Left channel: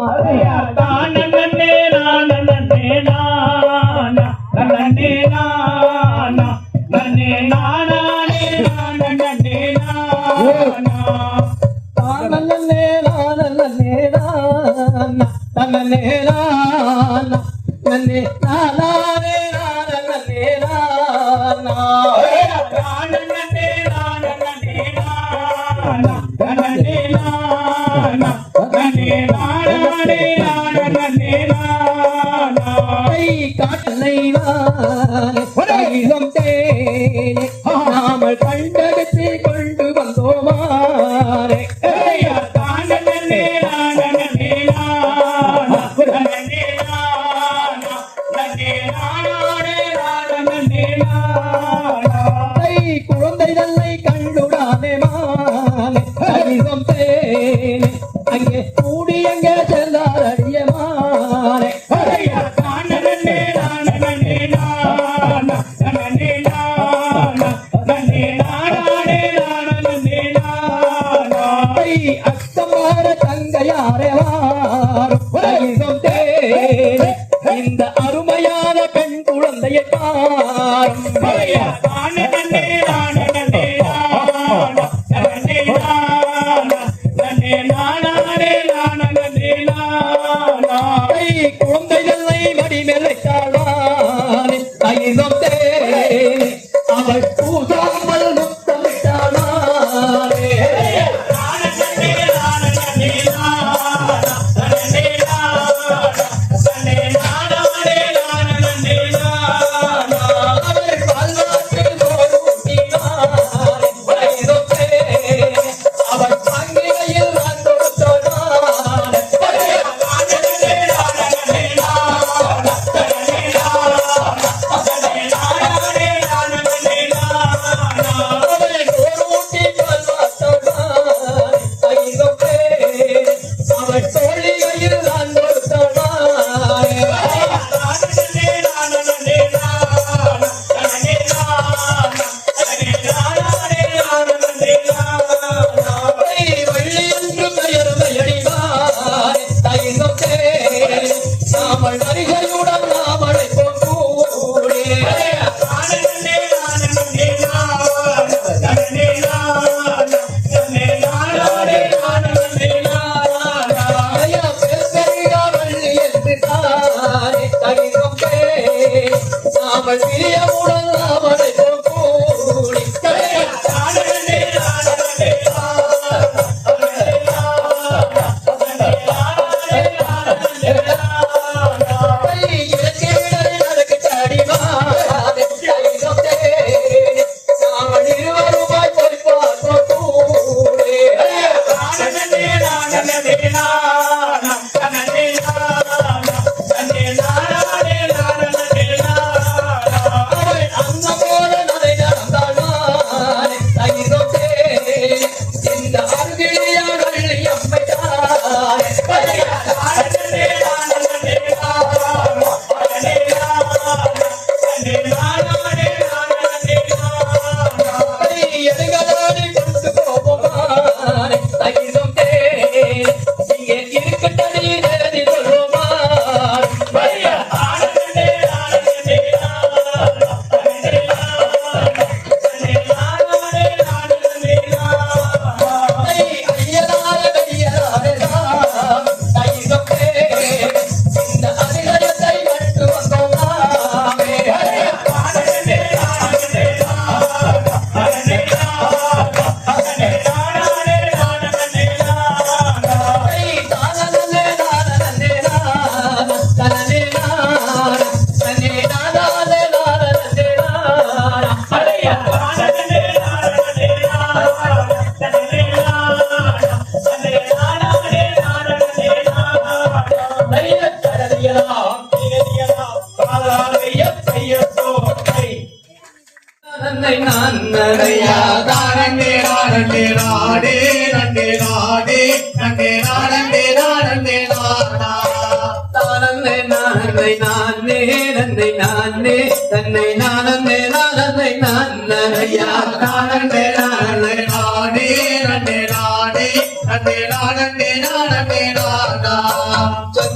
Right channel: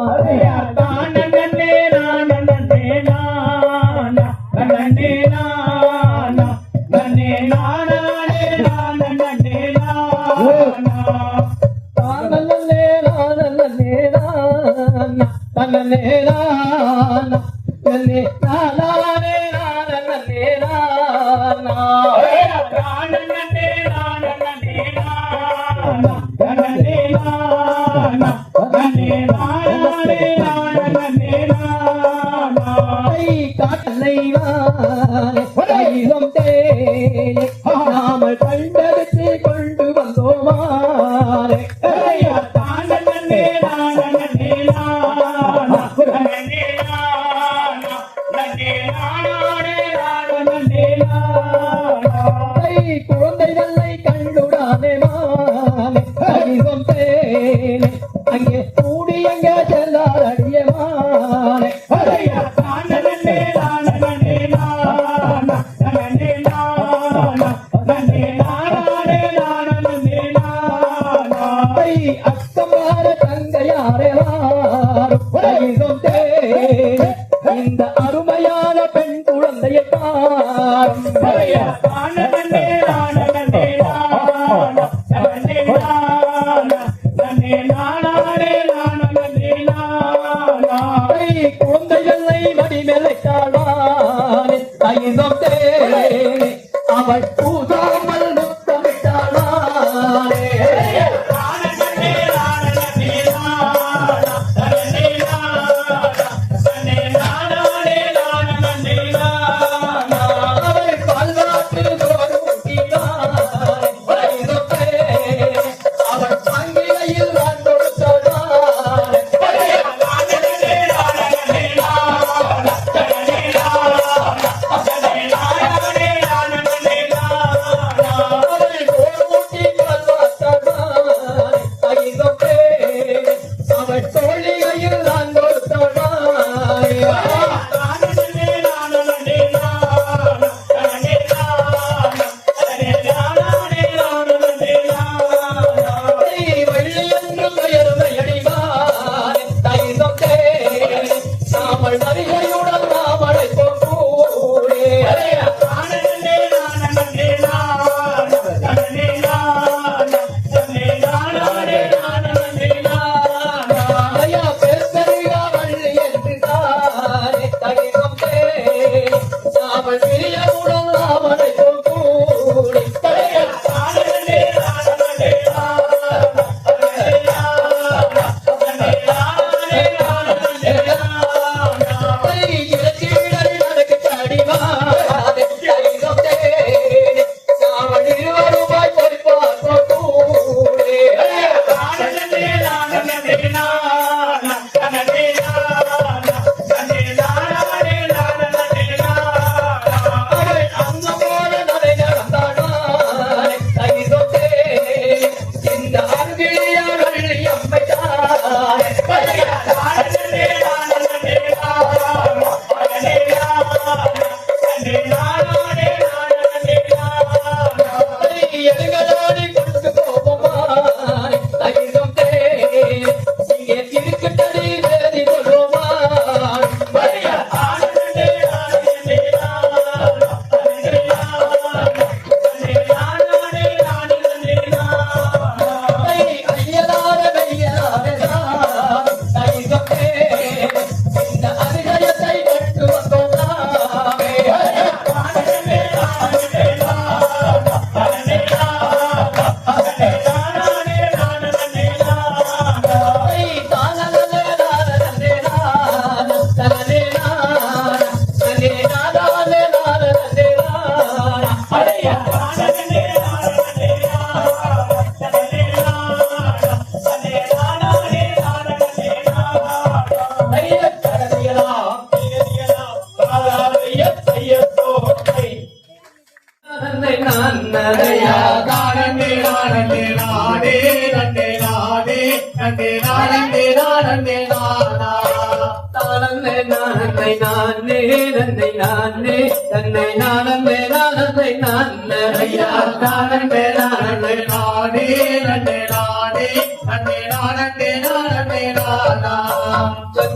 நானே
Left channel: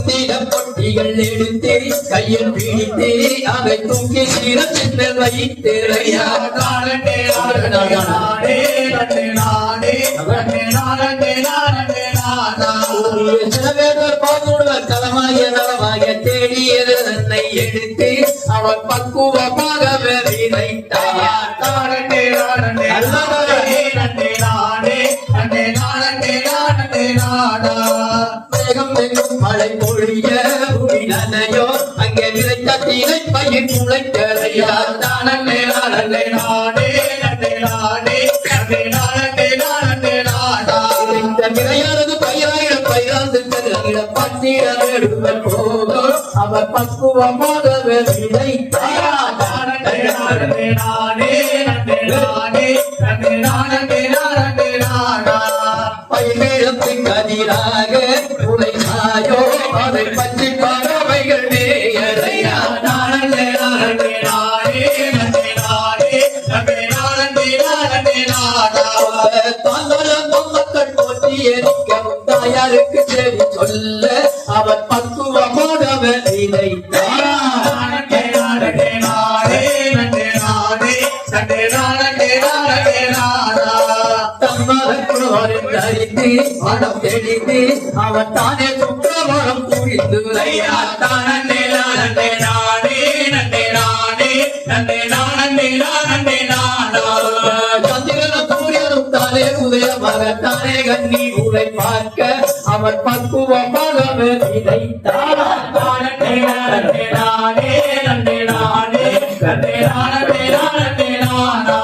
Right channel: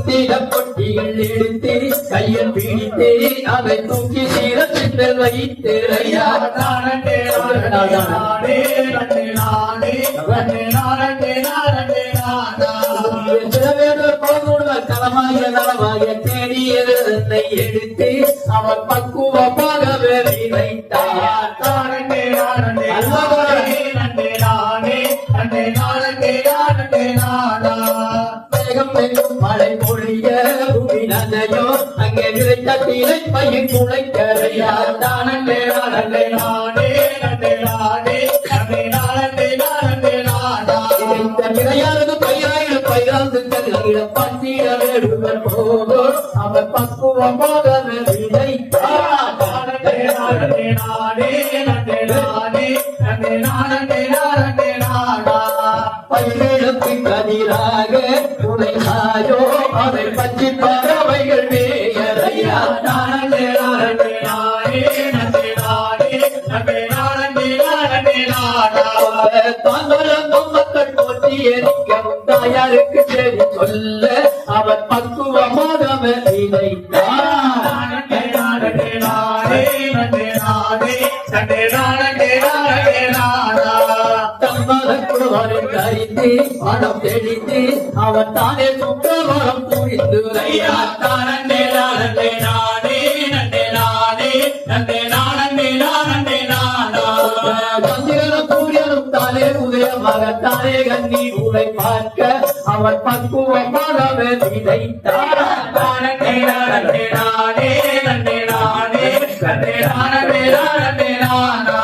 பொட்டிகள் எடுத்து கையில் பிடித்து அவை தூக்கி சீரத்தில் வைத்து களமாக தேடியது என்னை எடுத்து அவர் பக்குவமாக விதைத்தார். மழை பொழிய நனையோ அங்கே விளைத்த தீரை பயிர் முளைக்கரையா தானே நானே நானே நன்னே நானே நன்னே நானே நானே நானா விளையானது பயிராயிரம் பயிராந்து கருகிற பன்னீர நடுவல் போதும் அவர் பக்குவமாக விதைத்தார். தானே நானே நானே நன்னே நானே நன்னே நானே நானே நானா பயிரெழுத்தின் கதிராக உழைத்தாயோ அதை பற்றி பறவைகள் வேயறையா நானே நானே நானே நன்னே நானே நன்னே நானே நானே நானா தாங்களும் மக்கள் போற்றி எரிக்கவும் தாயாருக்கு செவி சொல்ல அவர் பக்குவமாக விதைத்தார். நானே நானே நானே நன்னே நானே நன்னே நானே நானே நானா தரித்து மனம் தெளித்து அவன் தானே சுற்றமரம் புரிந்து தானே நானே நானே நன்னே நானே நன்னே நானே நானே நானா சந்திரனும் சூரியனும் தானே உதயமாக தானே கண்ணி உரை பார்க்க அவன் பக்குவமாக விதைத்தார். தானே நானே நானே நன்னே நானே நன்னே நானே நானே நானா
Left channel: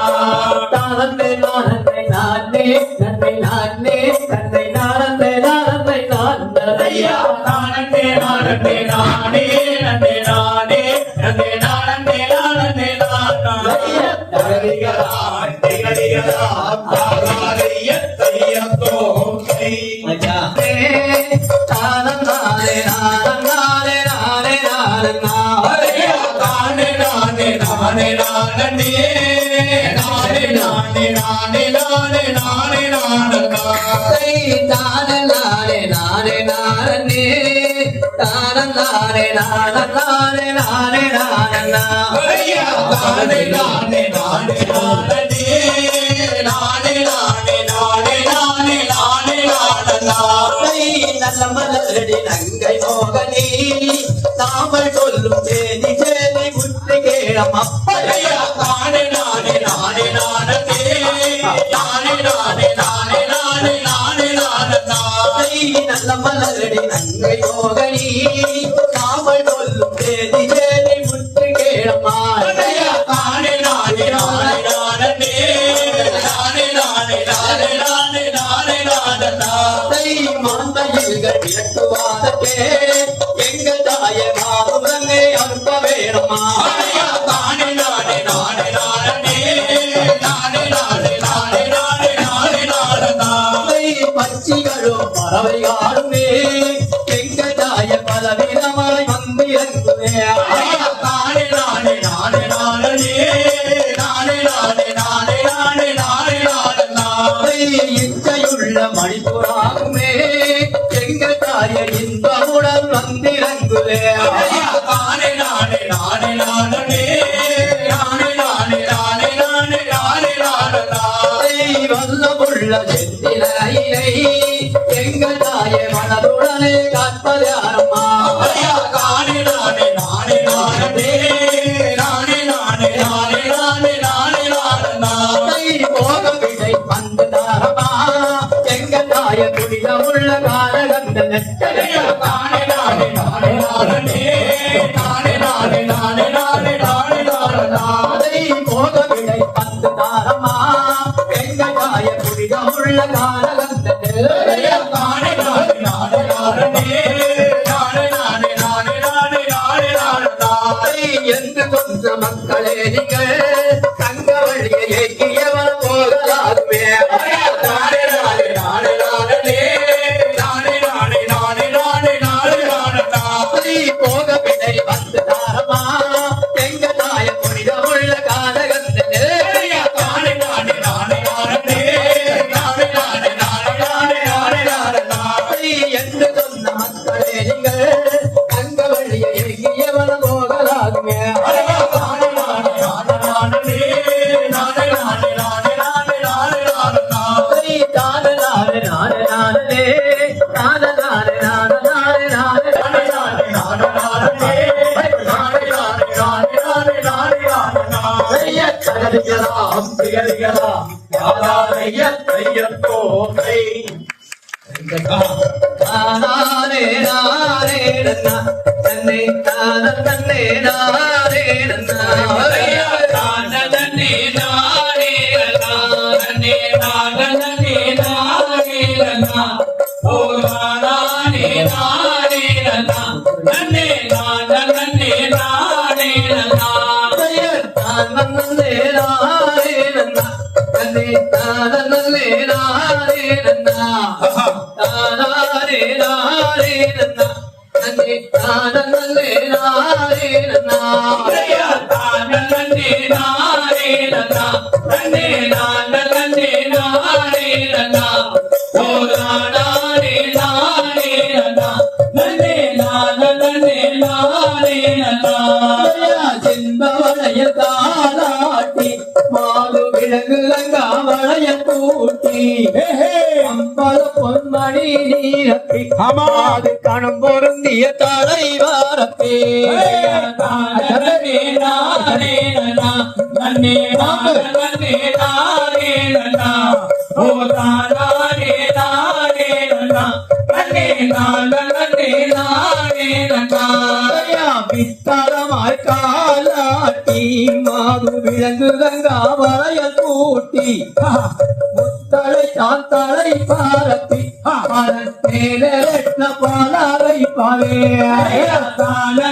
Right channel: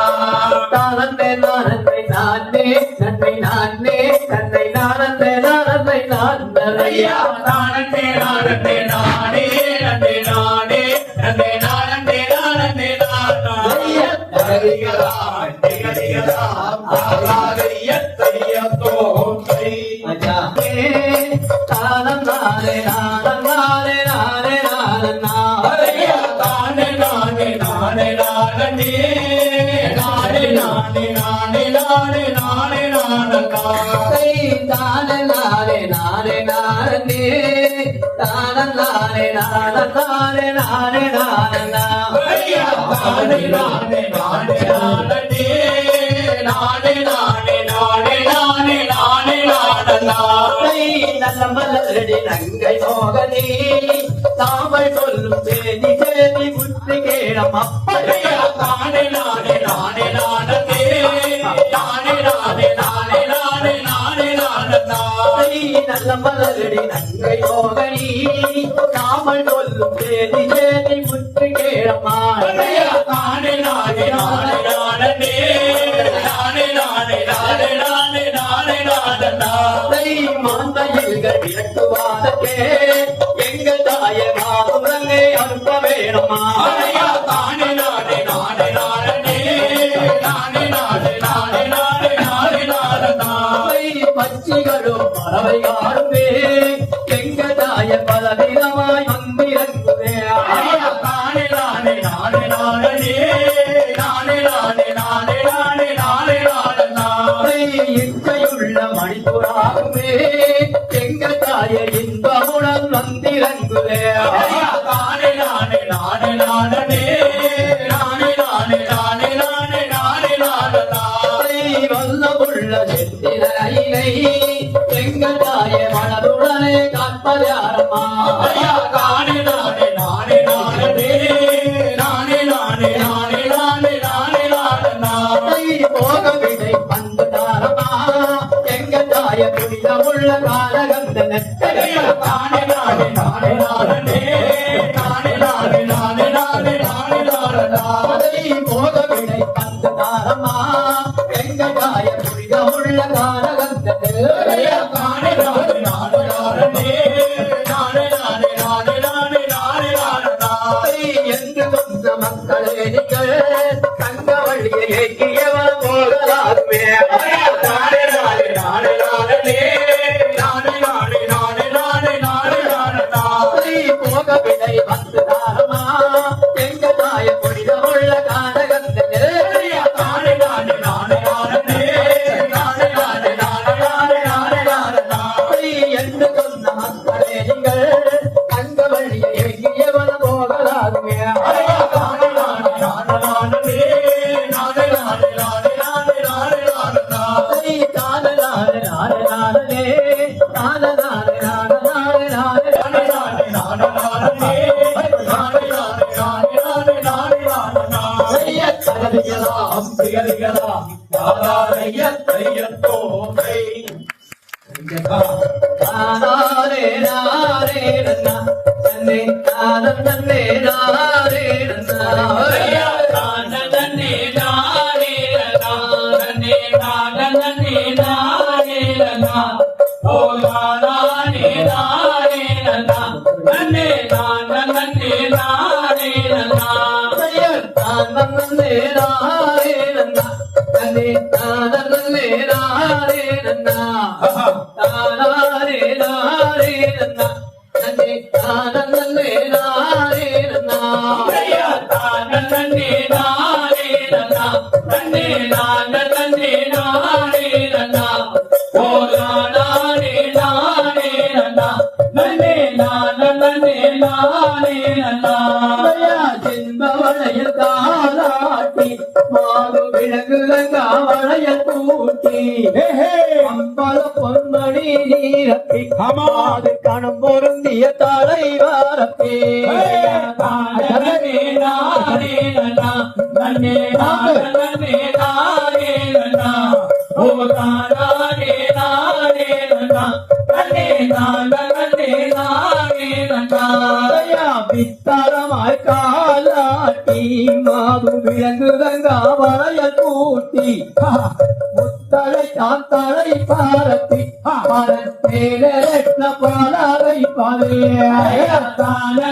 தானே நானே நானே நன்னை நானே தன்னை நானே நானே நானையா நானே நானே நானே நன்னே நானே நன்னே நானே நானே நானையா நரிகரான் திகரிகரான் ஆகாரியத்தையத்தோ அஜா தானே நானே நானே நானே நானே நானையா தானே நானே நானே நானே நானே நானே நானே நானே நானே நானே தானே நானே நானே நானே தானே நானே நானே நானே நானே நானே நானே நானே நானே நானே நானே நானே நானே நல்ல மலரடி நங்கை மோகனி தாமல் சொல்லும் சேதி சேதி முற்றி கேளம் அப்படியா நானே நானே நானே நானே நானே நானே நானே நானே நானே நானே நல்ல மலரடி நங்கை மோகனி தாமல் சொல்லும் சேதி சேதி முற்றி கேளமா நானே நானே நானே நானே நானே நானே நானே நானே நானே நானே மாந்தைகள் விளக்குவாதே எங்கள் தாயை மாமுரங்கே அனுப்ப வேணுமா நானே நானே நானே நானே நானே நானே நானே நானே நானே நானே பச்சிகளும் பறவையாடுமே எங்கள் தாய பலவிதமாய் வந்து இறங்குவே நானே நானே நானே நானே நானே நானே நானே நானே நானே நானே இச்சையுள்ள மணிப்புறாகுமே எங்கள் தாய இன்பமுடன் வந்திறங்குவே நானே நானே நானே நானே நானே நானே நானே நானே நானே நானே வல்லமுள்ள செந்திலை எங்கள் தாய மனதுடனே காப்பதாரம்மா நானே நானே நானே நானே நானே நானே நானே நானே நானே நானே போக விடை வந்ததாரம்மா எங்கள் தாய புனிதமுள்ள காலகந்த நானே நானே நானே நானே நானே நானே நானே நானே நானே நானே போக விடை வந்ததாரம்மா எங்கள் தாய புனிதமுள்ள காலகந்த நானே நானே நானே நானே நானே நானே நானே நானே நானே நானே என்று கொஞ்ச மக்களே நீங்கள் தங்க வழியை ஏற்றியவர் போகலாமே நானே நானே நானே நானே நானே நானே நானே நானே திகதிகதாம் திகதிகதாம் யாதாரைய தையத்தோமை நானே நானே நன்னா தன்னை தானம் தன்னை நானே நன்னா நன்னே நானே நன்னா நன்னே நன்னே நானே நன்னா ஓ நானே நானே நன்னா நன்னே நன்னே நானே நன்னா தானம் தன்னை நானே நன்னா தன்னை தானம் தன்னை நானே நன்னா நானே நானே நன்னா தன்னை தானம் தன்னை நானே நன்னா நன்னே நானே நன்னா நன்னே நன்னே நானே நன்னா ஓ நானே நானே நன்னா நன்னே நன்னே நானே நன்னா செம்பவளைய தாளாட்டி மாது விலங்குலங்கா வளைய கூட்டி அம்பல பொன்மணி நீரப்பி அது கணம் பொருந்திய தலை வாரப்பே நன்னே நானே நன்னா நன்னே நன்னே நானே நன்னா ஓ நானே நானே நன்னா நன்னே நன்னே நானே நன்னா வித்தரமாய் காலாட்டி மாது விலங்குலங்கா வளைய கூட்டி முத்தலை தான் தலை பாரத்தி மேலே பாலாவை பாவே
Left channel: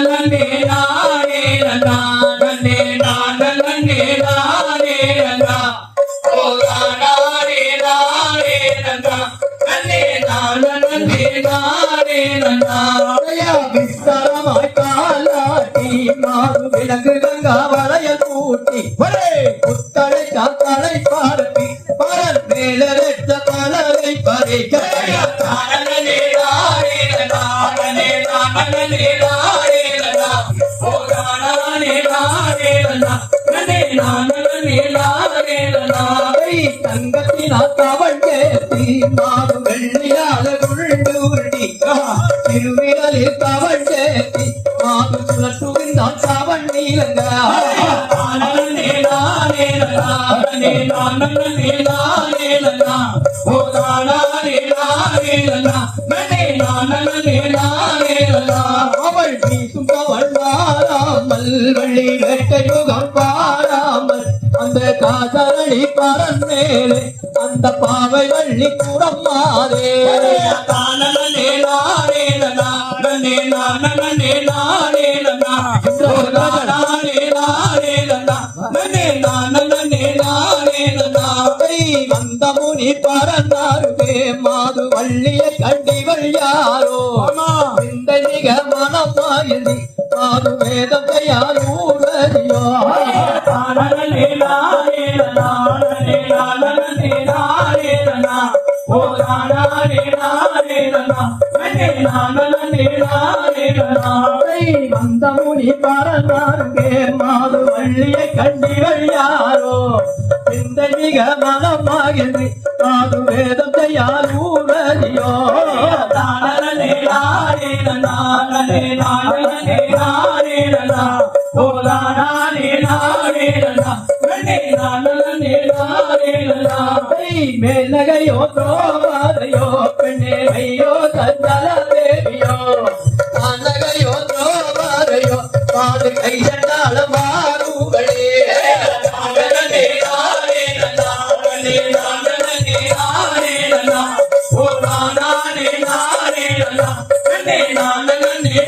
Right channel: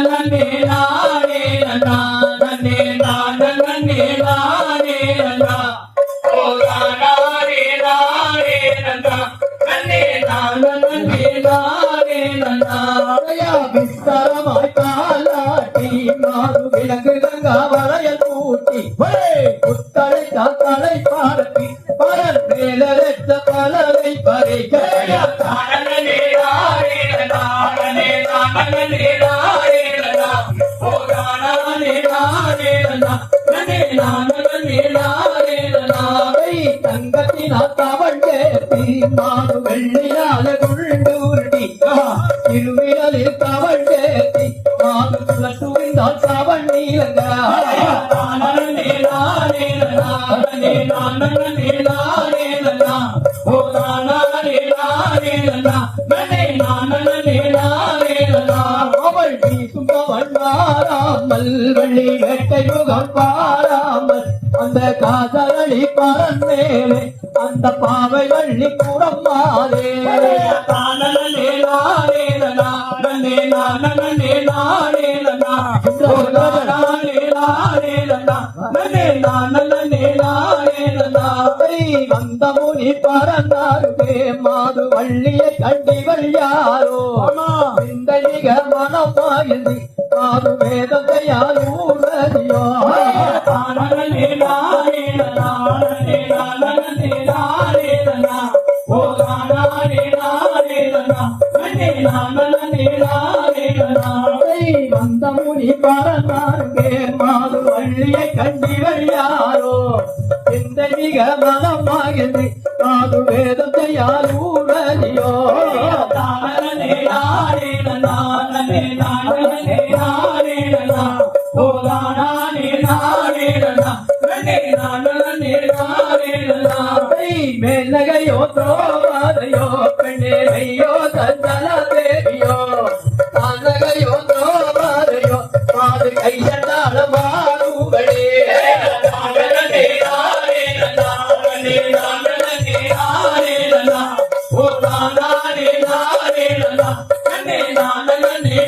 நன்னே நானே நன்னா நன்னே நன்னே நானே நன்னா ஓ நானே நானே நன்னா நன்னே நன்னே நானே நன்னா விஸ்தாரமாய் காலாட்டி மாது விலங்குலங்கா வளைய கூட்டி முத்தலை தான் தலை பாரத்தி பலர் மேலே பாலாவை பறிக்க நன்னே நானே நன்னா நன்னே நன்னே நானே நன்னா ஓ நானே நானே நன்னா நன்னே நன்னே நானே நன்னா தங்கத்தினால் தவள் சேர்த்தி மாது வெள்ளியால் உருண்டு உருட்டி திருவிழலில் தவள் சேர்த்தி மாது சுழற்றுவிந்தால் தவள் நீலங்க நன்னே நானே நன்னா நன்னே நன்னே நானே நன்னா ஓ நானே நானே நன்னா நன்னே நன்னே நானே நன்னா அவள் வீசும் அவள் வாராமல் வெள்ளி வேட்டை யுகம் பாராமல் அந்த காசரளி பரந்தேலே அந்த பாவை வள்ளி குடம் மாறே நன்னே நானே நன்னா நன்னே நன்னே நானே நன்னா ஓ நானே நானே நன்னா நன்னே நன்னே நானே நன்னா வந்த முனி பரந்தாருவே மாது வள்ளியை கண்டிவள் யாரோ இந்த நிக மனமாயி மாது வேதம் கையாலூரடியோ நன்னே நானே நன்னா நன்னே நன்னே நானே நன்னா ஓ நானே நானே நன்னா நன்னே நன்னே நானே நன்னா வந்த முனி பரந்தாருவே மாது வள்ளியை கண்டிவள் யாரோ இந்த மிக மனமாகி மாது வேதம் கையாலூரடியோ நன்னே நானே நன்னா நன்னே நன்னே நானே நன்னா ஓ நானே நானே நன்னா நன்னே நன்னே நானே நன்னா மேலகையோ தோவாதையோ பெண்ணேரையோ சந்தல தேவியோ அனகையோ தோவாதையோ மாது கையட்டாள மாறுகளே நன்னே நானே நன்னா நன்னே நன்னே நானே நன்னா ஓ நானே நானே நன்னா நன்னே நன்னே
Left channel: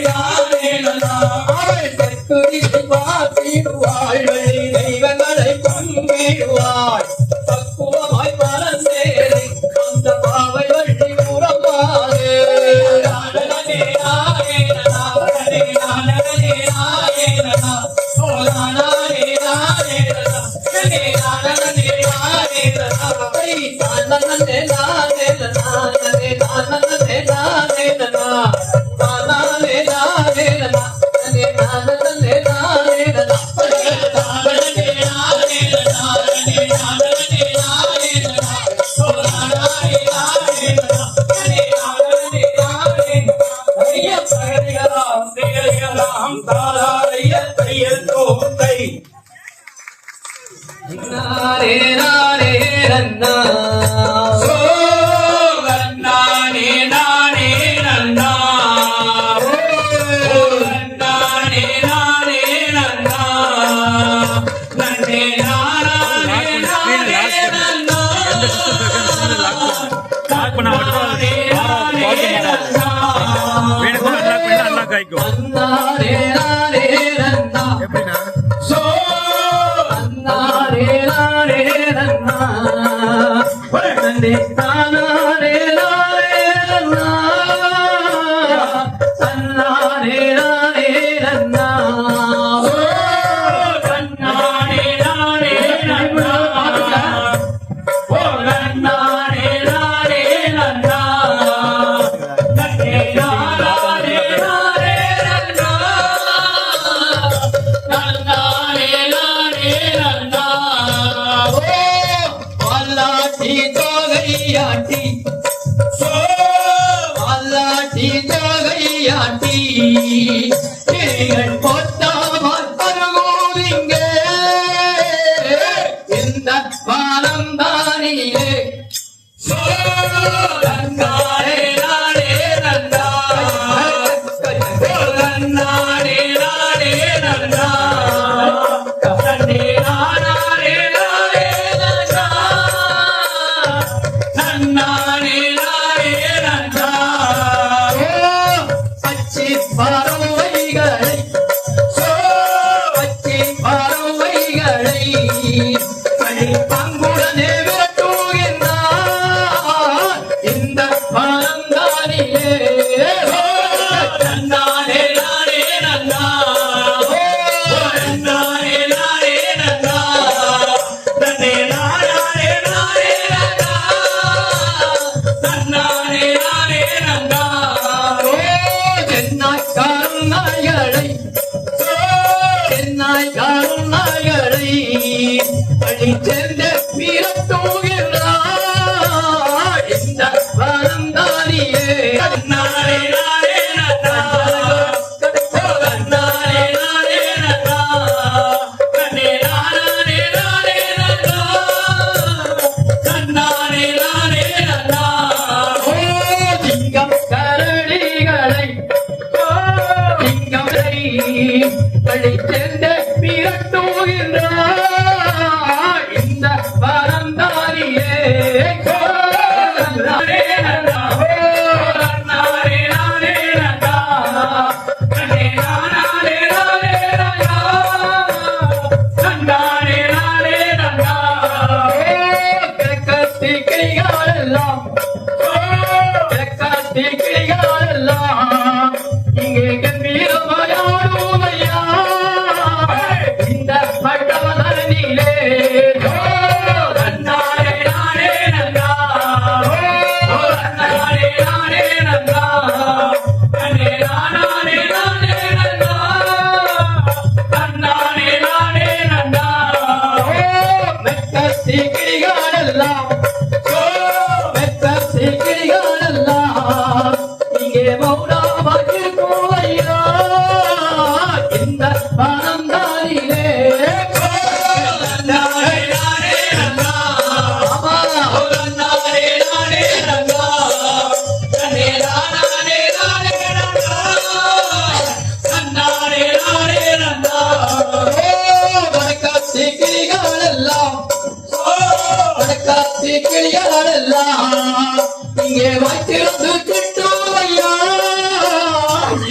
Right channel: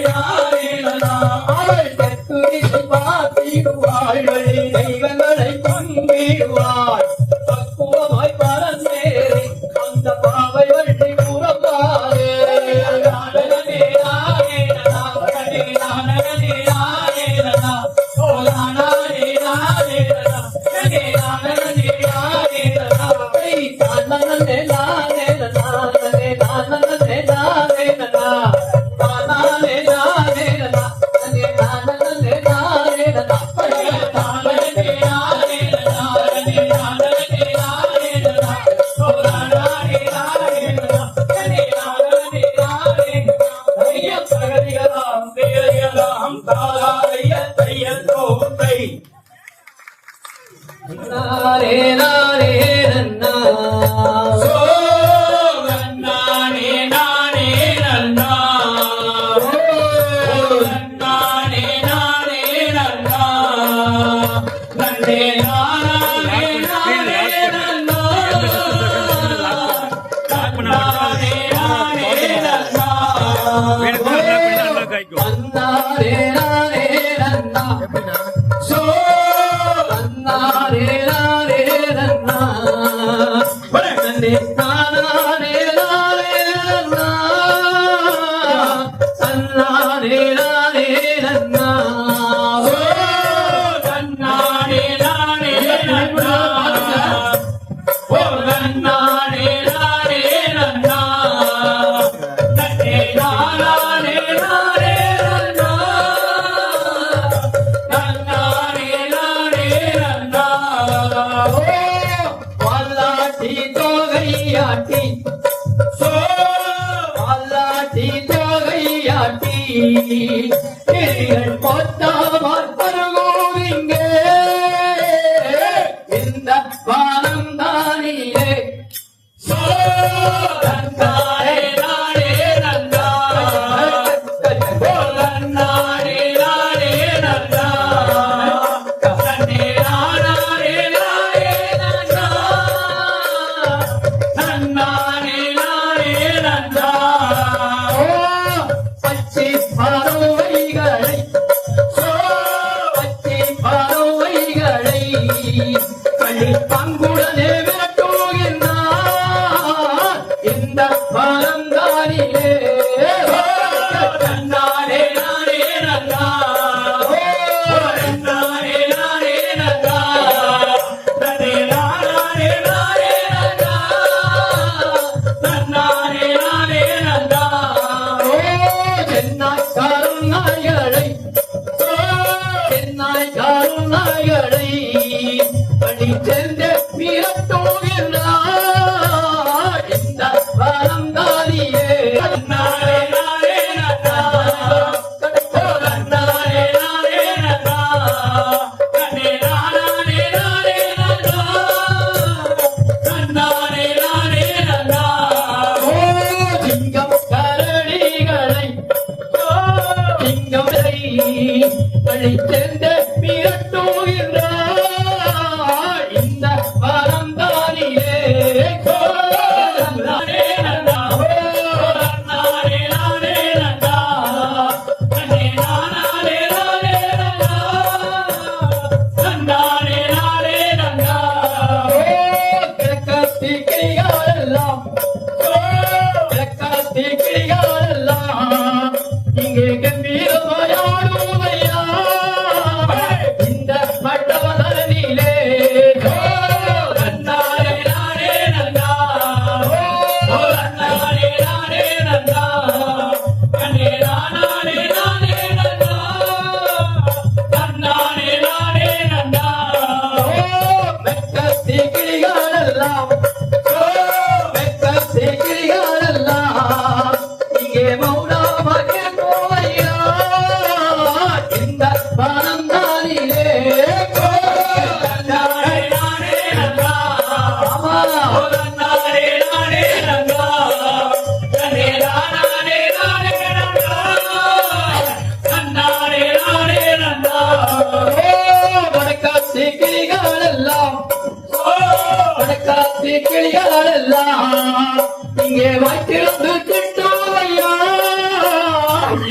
நானே நன்னா அவள் கத்துரிசை பார்த்திடுவாள் வழி தெய்வங்களை பங்கிடுவாள் பக்குவமாய் பரந்தேறி அந்த பாவை வள்ளி உறவாரே நன்னே நானே நன்னா நன்னே நன்னே நானே நன்னா ஓ நானே நானே நன்னா நன்னே நன்னே நானே நன்னா நானே நானே நானே நானே நானே நன்னே நானே நன்னா நன்னே ஆயிக்கும். நன்னாரே நாரே நன்னா எப்படின்னா சோ நன்னாரே நாரே நன்னா நன்னே நானாரே நாரே நன்னா நன்னாரே நாரே நன்னா சோ நன்னாரே நாரே நன்னா ஓ நன்னாரே நாரே நன்னா நன்னே நாரே நாரே நன்னா நன்னாரே நாரே நன்னா வாலாட்டி தோகையாட்டி சோ வாலாட்டி தோகையாட்டி கிளிகள் போட்டாமல் பருகோவிங்க இந்த வானம் தானிலே சோ நன்னாரே நாரே நன்னா ஓ நன்னாரே நாரே நன்னா நன்னே நாரே நாரே நன்னா நன்னாரே நாரே நன்னா பச்சை பறவைகளை பச்சை பறவைகளை பங்குடனே விரட்டுகின்றார் இந்த மனம் தானிலே நன்னாரே நாரே நன்னா ஓ நன்னாரே நாரே நன்னா நன்னே நாரே நாரே நன்னா நன்னாரே நாரே நன்னா தென்னாய் கருநாய்களை தென்னாய் கருநாய்களை அடி சேர்ந்த விரட்டுகின்றார் இந்த மனம் தானிலே நன்னாரே நாரே நன்னா ஓ நன்னாரே நாரே நன்னா நன்னே நாரே நாரே நன்னா நன்னாரே நாரே நன்னா திங்கம் கரடிகளை திங்கங்களை பழி சேர்ந்த விரட்டுகின்றார் இந்த மனம் தானிலே நன்னாரே நன்னா ஓ நன்னாரே நாரே நன்னா நன்னே நாரே நாரே நன்னா நன்னாரே நாரே நன்னா கிழக்கத்தி கிளிகளெல்லாம் கிழக்கத்தி கிளிகளெல்லாம் இங்கே கம்பீரமாயாடுதையா இந்த பட்டவதனிலே நன்னாரே நாரே நன்னா ஓ நன்னாரே நாரே நன்னா நன்னே நாரே நாரே நன்னா நன்னாரே நாரே நன்னா மெக்கத்தி கிளிகளெல்லாம் மெக்கத்தி கிளிகளெல்லாம் இங்கே மௌனமாக போவையா இந்த மனம் தானிலே நன்னாரே நாரே நன்னா ஓ நன்னாரே நாரே நன்னா நன்னே நாரே நாரே நன்னா நன்னாரே நாரே நன்னா வடக்காத்தி கிளிகளெல்லாம் ஓ வடக்காத்தி கிளிகளெல்லாம் இங்கே வாய்த்திருந்து கிட்டுவையா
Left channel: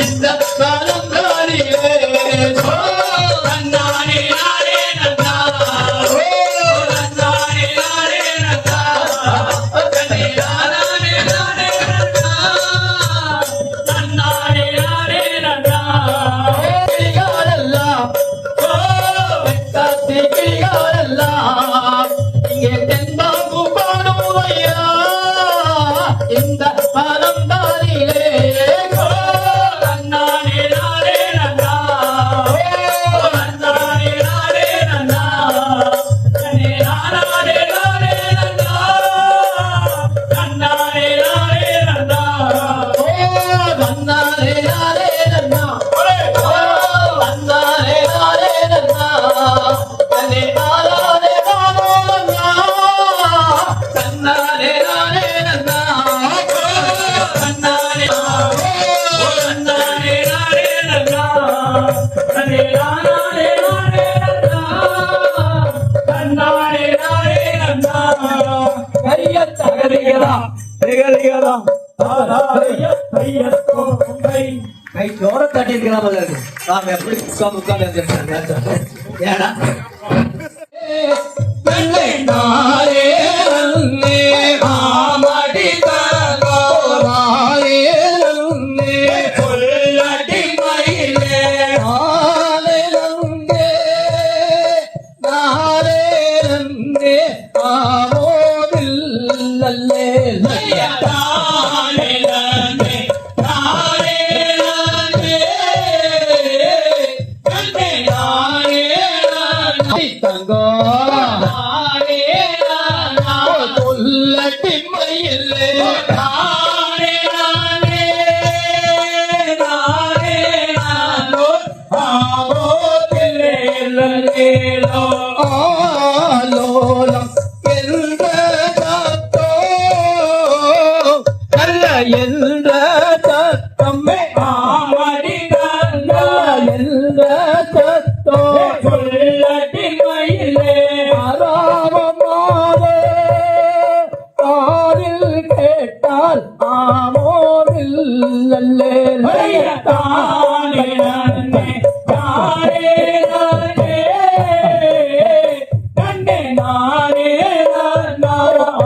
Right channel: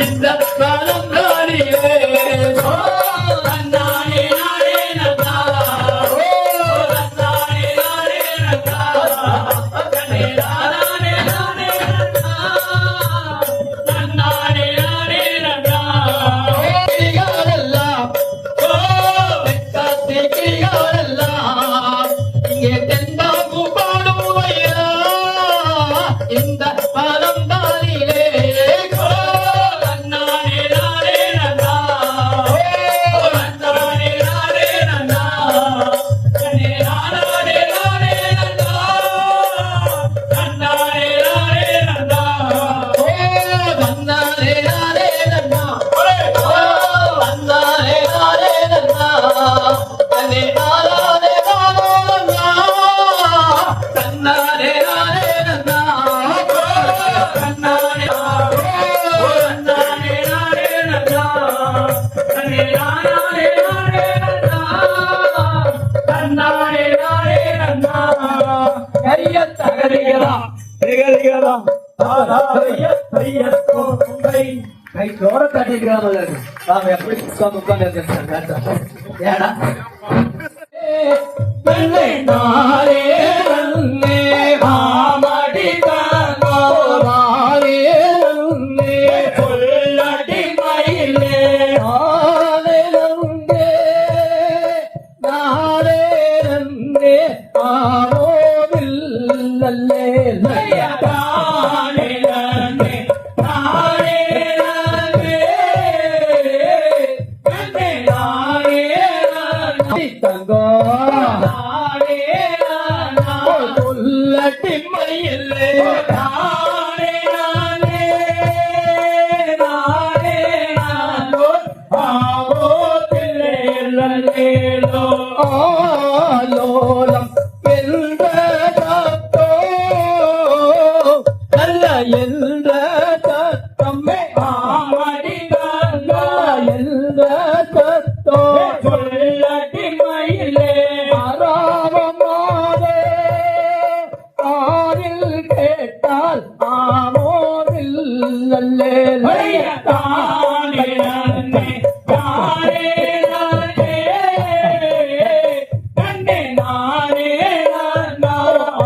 இந்த மனம் தானிலே நன்னாரே நாரே நன்னா ஓ நன்னாரே நாரே நன்னா நன்னே நாரே நாரே நன்னா நன்னாரே நாரே நன்னா கிளிகளெல்லாம் ஓ வெக்காத்தி கிளிகளெல்லாம் இங்கே தென்பாம்பு பாடுவையா இந்த மனம் தானிலே ஓ நன்னாரே நாரே நன்னா ஓ நன்னாரே நாரே நன்னா நன்னே நாரே நாரே நன்னா நன்னாரே நாரே நன்னா வந்தாரே நாரே நன்னா வந்தாரே நாரே நன்னா அனே நாரே நாரே நன்னாரே நாரே நன்னா நன்னாரே ஓ நன்னாரே நாரே நன்னா நன்னே நாரே நாரே நன்னா நன்னாரே நாரே நன்னா கைய தகருகிறா திகழ்கிறதாம் ஆராய கையத்தோ குன்றை ஜோர தட்டிருக்கலாம் போல இருக்கு. வாங்க உட்கார்ந்து ஏடா தன்னை நாரே நன்னே ஆமடி தங்கோ நாரே நன்னே சொல்லடி மயிலே நாரே நன்னே நாரே நன்னே ஆரோதில்லல்லே தானே நன்னே நானே நன்னே நன்னே நானே நன்னே தங்கோ நானே நன்னா சொல்லடி மயிலே நானே நானே நானே நானோ ஆவோ தில்லேலோ ஆலோலம் என்ற தத்தோ அல்ல என்ற தத்தம்மே ஆமடி தங்கா என்ற தத்தோ சொல்லடி மயிலே ஆராமமாதே ஆரில் கேட்டால் ஆமோதில்லல்லே தானே நன்னே தானே நன்னே நன்னே நானே நன்னா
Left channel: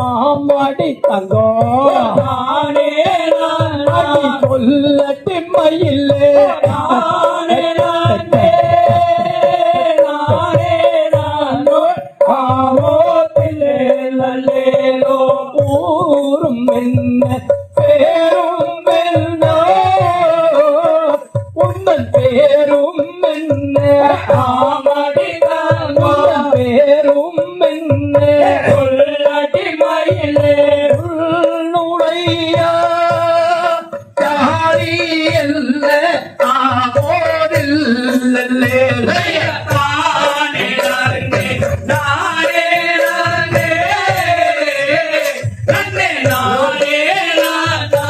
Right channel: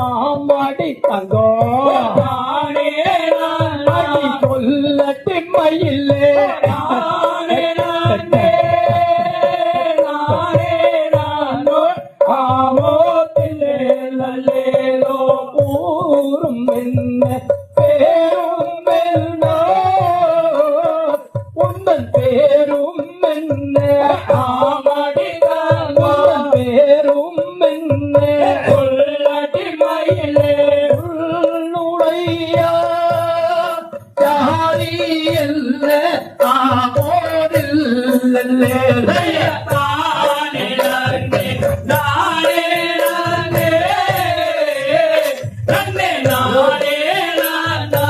ஆமடி தங்கோ தானே நன்னா அடி சொல்லட்டி மயிலே தானே நன்னே நானே நன்னோ ஆவோ தில்லேலோ ஊரும் என்ன பேரும் என்ன உந்தன் பேரும் என்ன ஆமடி தங்கோ உந்தன் பேரும் என்ன சொல்லடி மயிலே உன்னுடைய தாரி அல்ல ஆகோதில்லல்லே தானே நன்னே நானே நன்னே நன்னே நானே நன்னா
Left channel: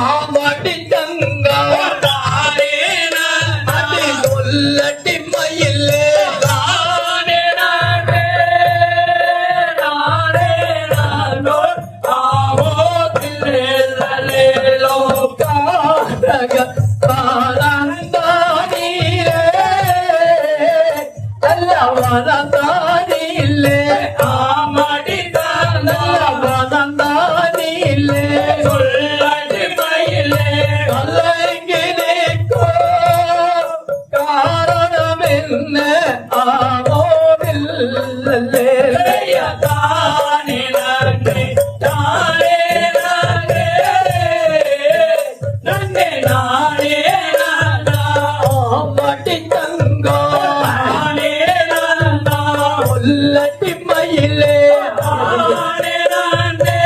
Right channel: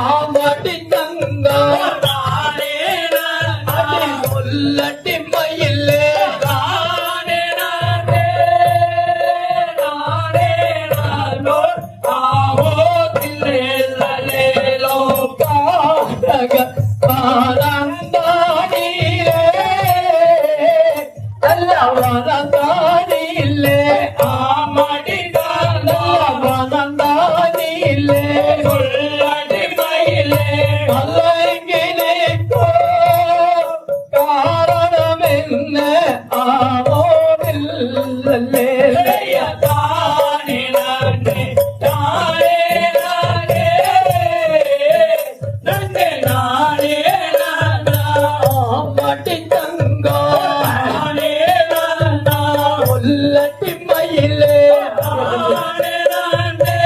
ஆமடி தங்கா தானே நன்னா அடி சொல்லட்டி மயிலே தானே நன்னே நானே நன்னோ ஆவோ தில்லேலோ காரக காரந்தானிலே அல்லவரந்தானிலே ஆமடி தங்கா அல்லவரந்தானிலே சொல்லடி மயிலே கலங்கினேக்கோ காரணம் என்ன ஆமோதில்லல்லே தானே நன்னே தானே நன்னே நன்னே நானே நன்னா ஆமடி தங்கோ தானே நன்னா உள்ளட்டி மயிலே தானே நன்னே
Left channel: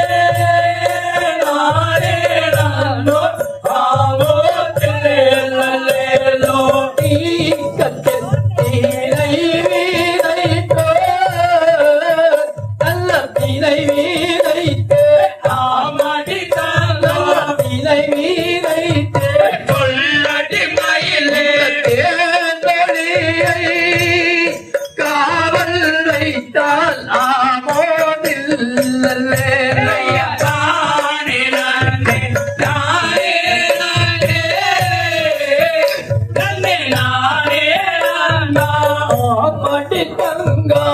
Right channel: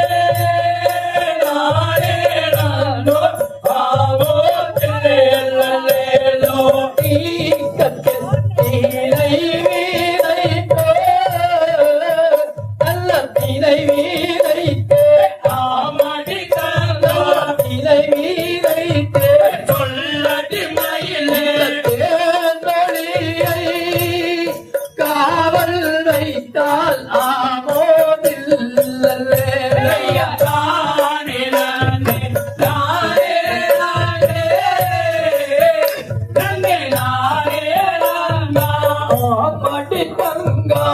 நானே நன்னோ ஆவோ தில்லேலோ தீக்கத்தில் தீனை வீணைத்தோ நல்ல தீனை வீணைத்தே ஆமடி தங்கா தீனை வீணைத்தே சொல்லடி மயிலே தேந்தொழியை காவல் வைத்தால் ஆமோதில்லல்லே தானே நன்னே தானே நன்னே நன்னே நானே நன்னா ஆமடி தங்கா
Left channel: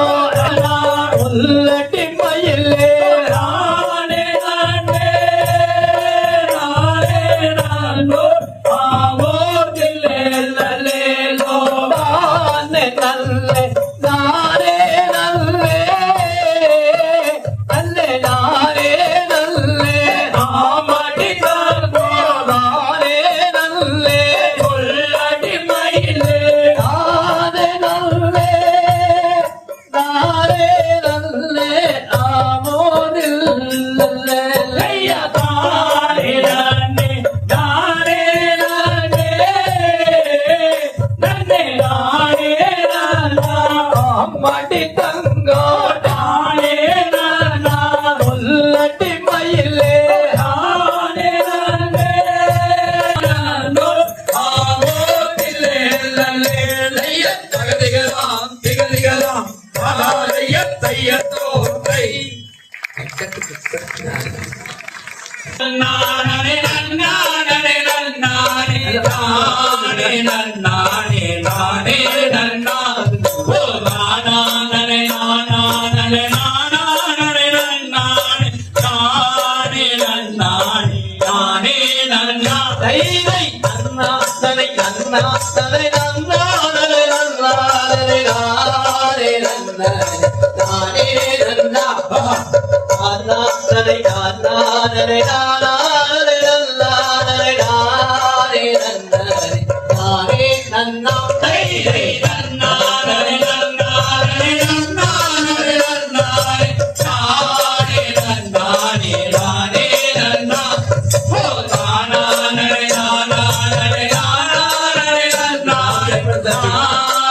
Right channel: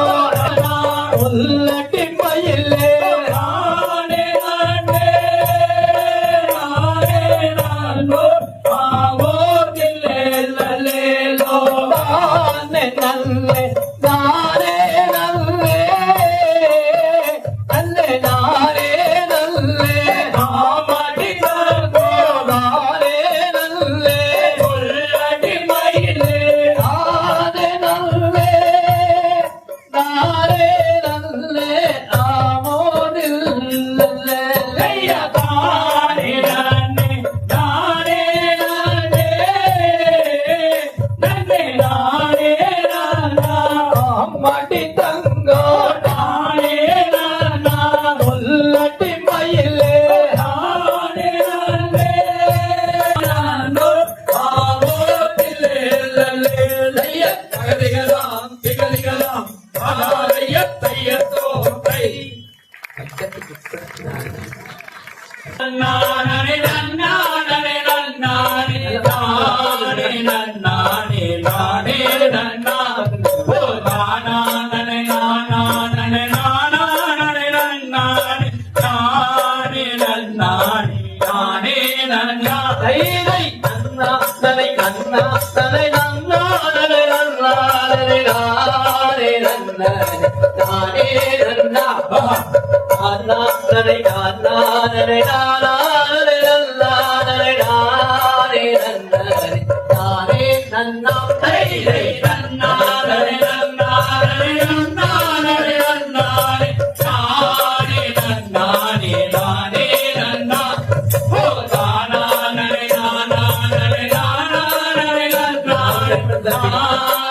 உள்ளட்டி மயிலே தானே நன்னே நானே நன்னோ ஆவோ தில்லேலோ தானே நல்லே நானே நல்லே அல்லே நானே நல்லே ஆமடி தங்கோ நானே நல்லே சொல்லடி மயிலே நானே நல்லே நானே நல்லே ஆமோதில்லல்லே தானே நன்னே தானே நன்னே நன்னே நானே நன்னா ஆமடி தங்கோ தானே நன்னா உள்ளட்டி மயிலே தானே நன்னே நன்னோ ஆவோ தில்லேலோ திகதிகலாம் திகதிகலாம் மகாலய தையத்தோரை நன்னானே நன்னானே நன்னானே நன்னா தலை நன்னா நலே நன்னாரே நாரே நன்னா நானே நன்னா நன்னா தலை நன்னா நலே நாரே நன்னாரே நாரே நன்னா நானே நன்னா தலை நன்னா நலே நன்னாரே நன்னாரே நன்னாரே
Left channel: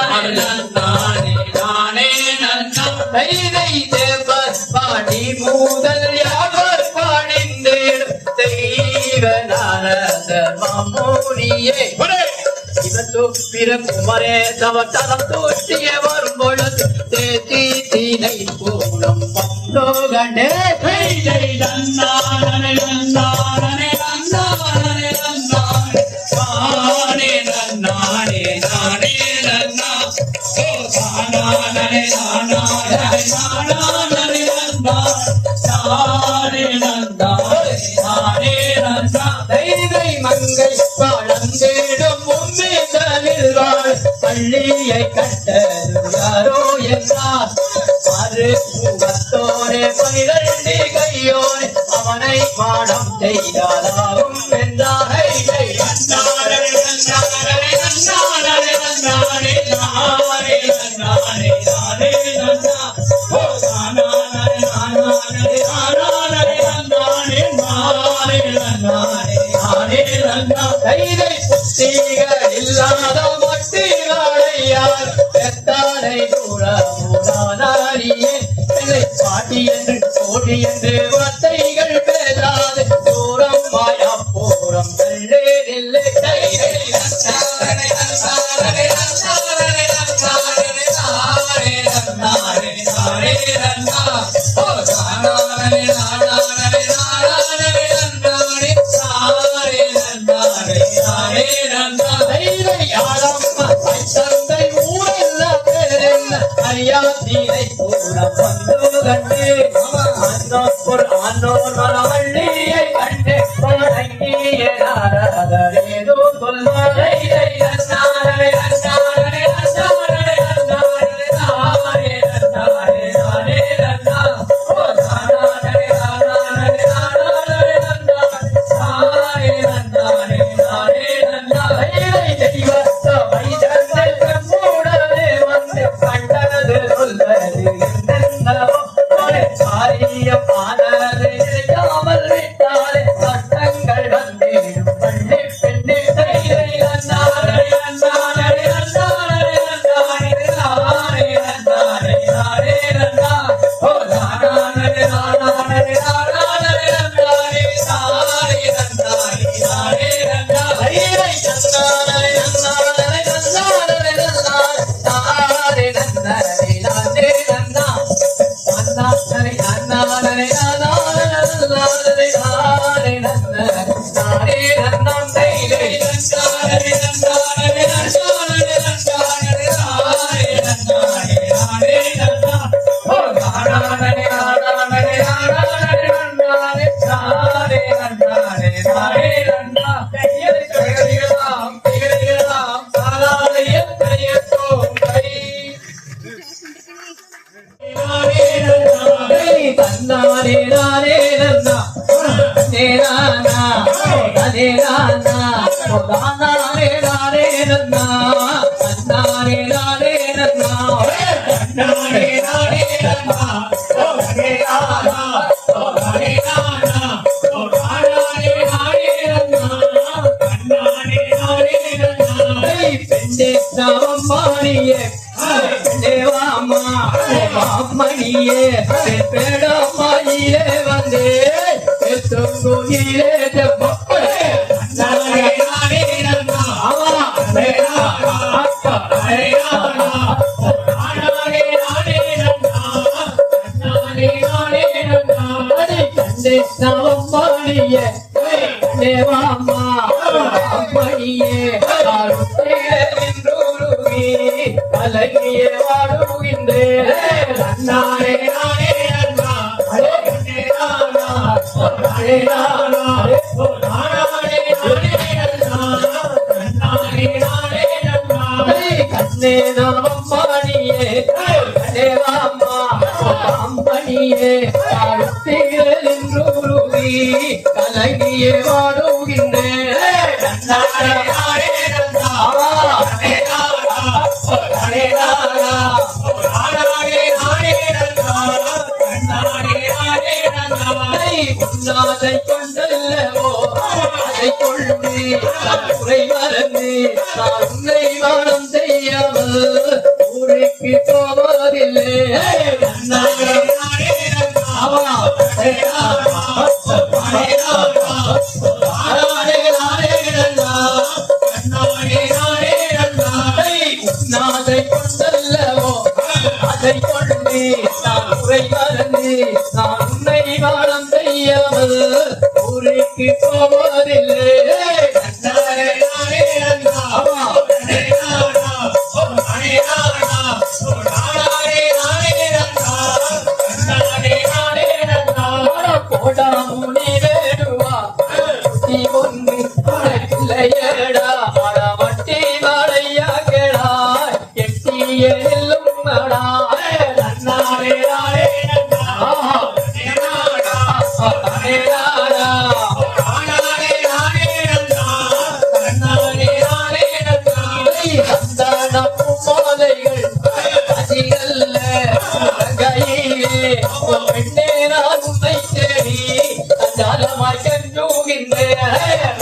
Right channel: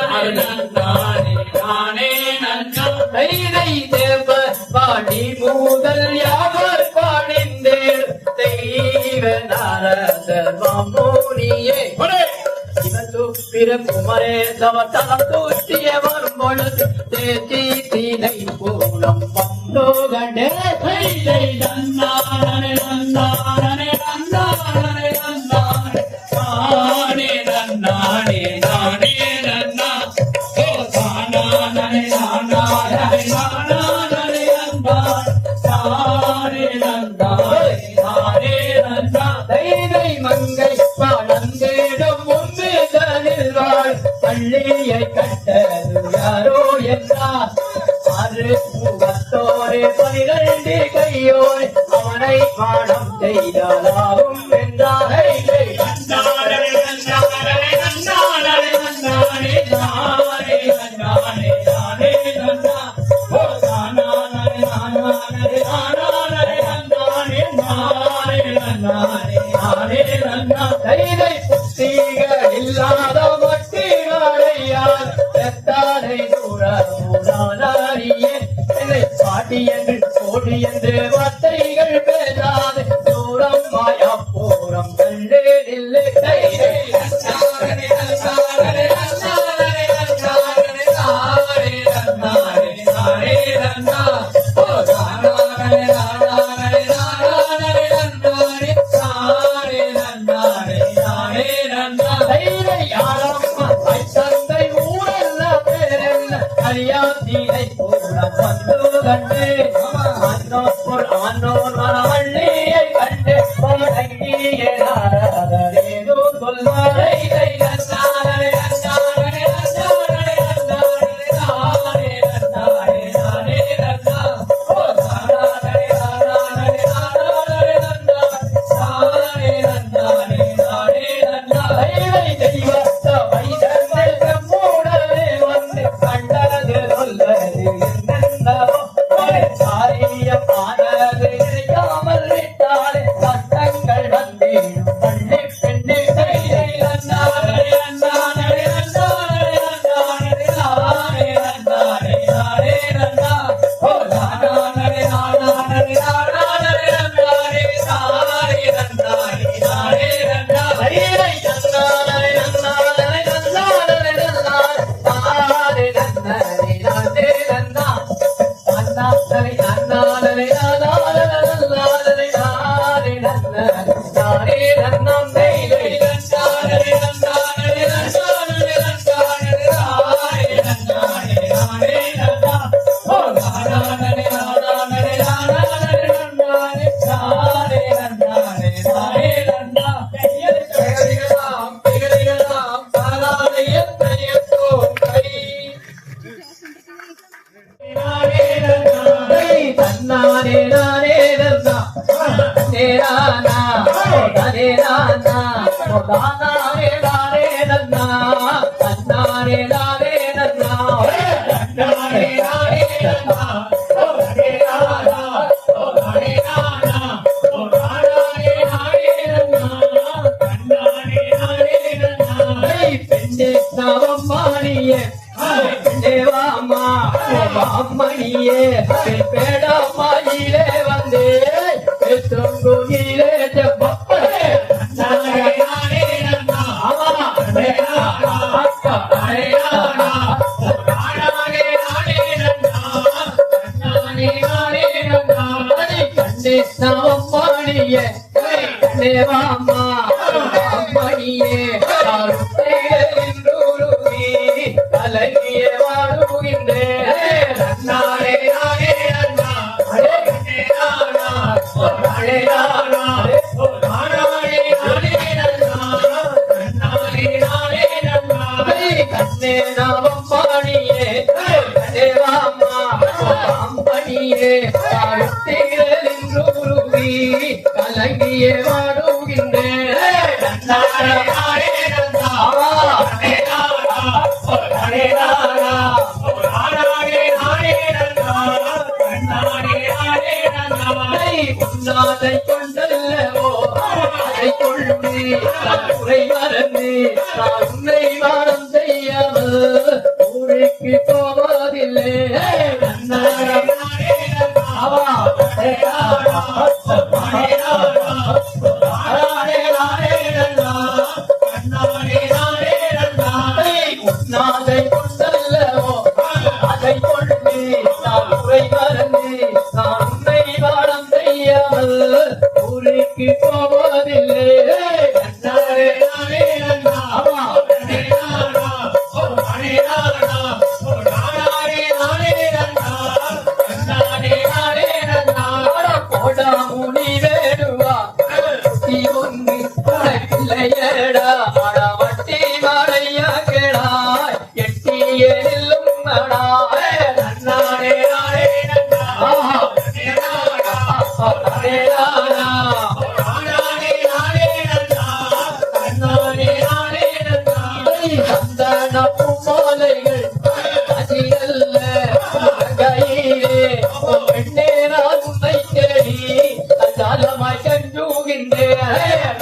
நானே நன்னானே நானே நன்னா பாடி மூதல் யாவர் பாடிந்தேன் தெய்வ நாரத மாமூனியே குமரே சவத்தனம் தோற்றிய வரும்பொழுது தேத்தி தீனை போலம் பந்தோகண்டே நன்னானே நன்னானே நன்னானே நன்னானே நானே நன்னானே நானே நன்னா ஓ நானே நானே நானே நன்னா நானே நன்னா நானே நன்னா தைதை மங்கை பாழந்தேடும் உண்மைதனில் வாழ் பள்ளியை கட்டது யாரோ என்றார் அரு முகத்தோரே 12 கையோரே அவனை பாடம் செய்தாலாகும் என்றார் தைதை புத்திகள் இல்லாத மட்டிகளையார் எத்தாரை தூரமுதாரியே பாட்டி என்று கோடி என்று வார்த்தைகள் பேசாது தூரம் மாயா பூரம் தள்ளேதில்லை தைதை தந்தை ஊரல்ல பேரென்ன ஐயா தீரை கூட வந்து கண்டு ஆண்டோர் மனவள்ளியை கண்டு பழங்கிய நாரதரேதோ சொல்வாரை Hare பொன்னே நாமம் பாடியே ஹரே ராமா அம்பனியே நின்றுருவி கலங்கியே வாடுகின்றேன் உன்னாதை கொண்டல்லவோ அதை கொள்ளே குறை மறந்து நான் உன்னை வானம் செய்யாமல் ஊருக்கு போவதில்லை உன்னாதை கொண்டல்லவோ அதை கொள்ளே நான் குறை மறந்து நான் உன்னை வானம் செய்யாமல் ஊருக்கு போவதில்லை முனி வேடுவா குட்டி ஒன்று உனக்கில்லையடா வட்டி மாலையா கேடா எட்டியெல்லும் பூமோலைகள் அதிகல்ல கையிலே பெண்ணே நான் உன்னை தேடி அஞ்சாலமாய் சென்றுகின்றேன்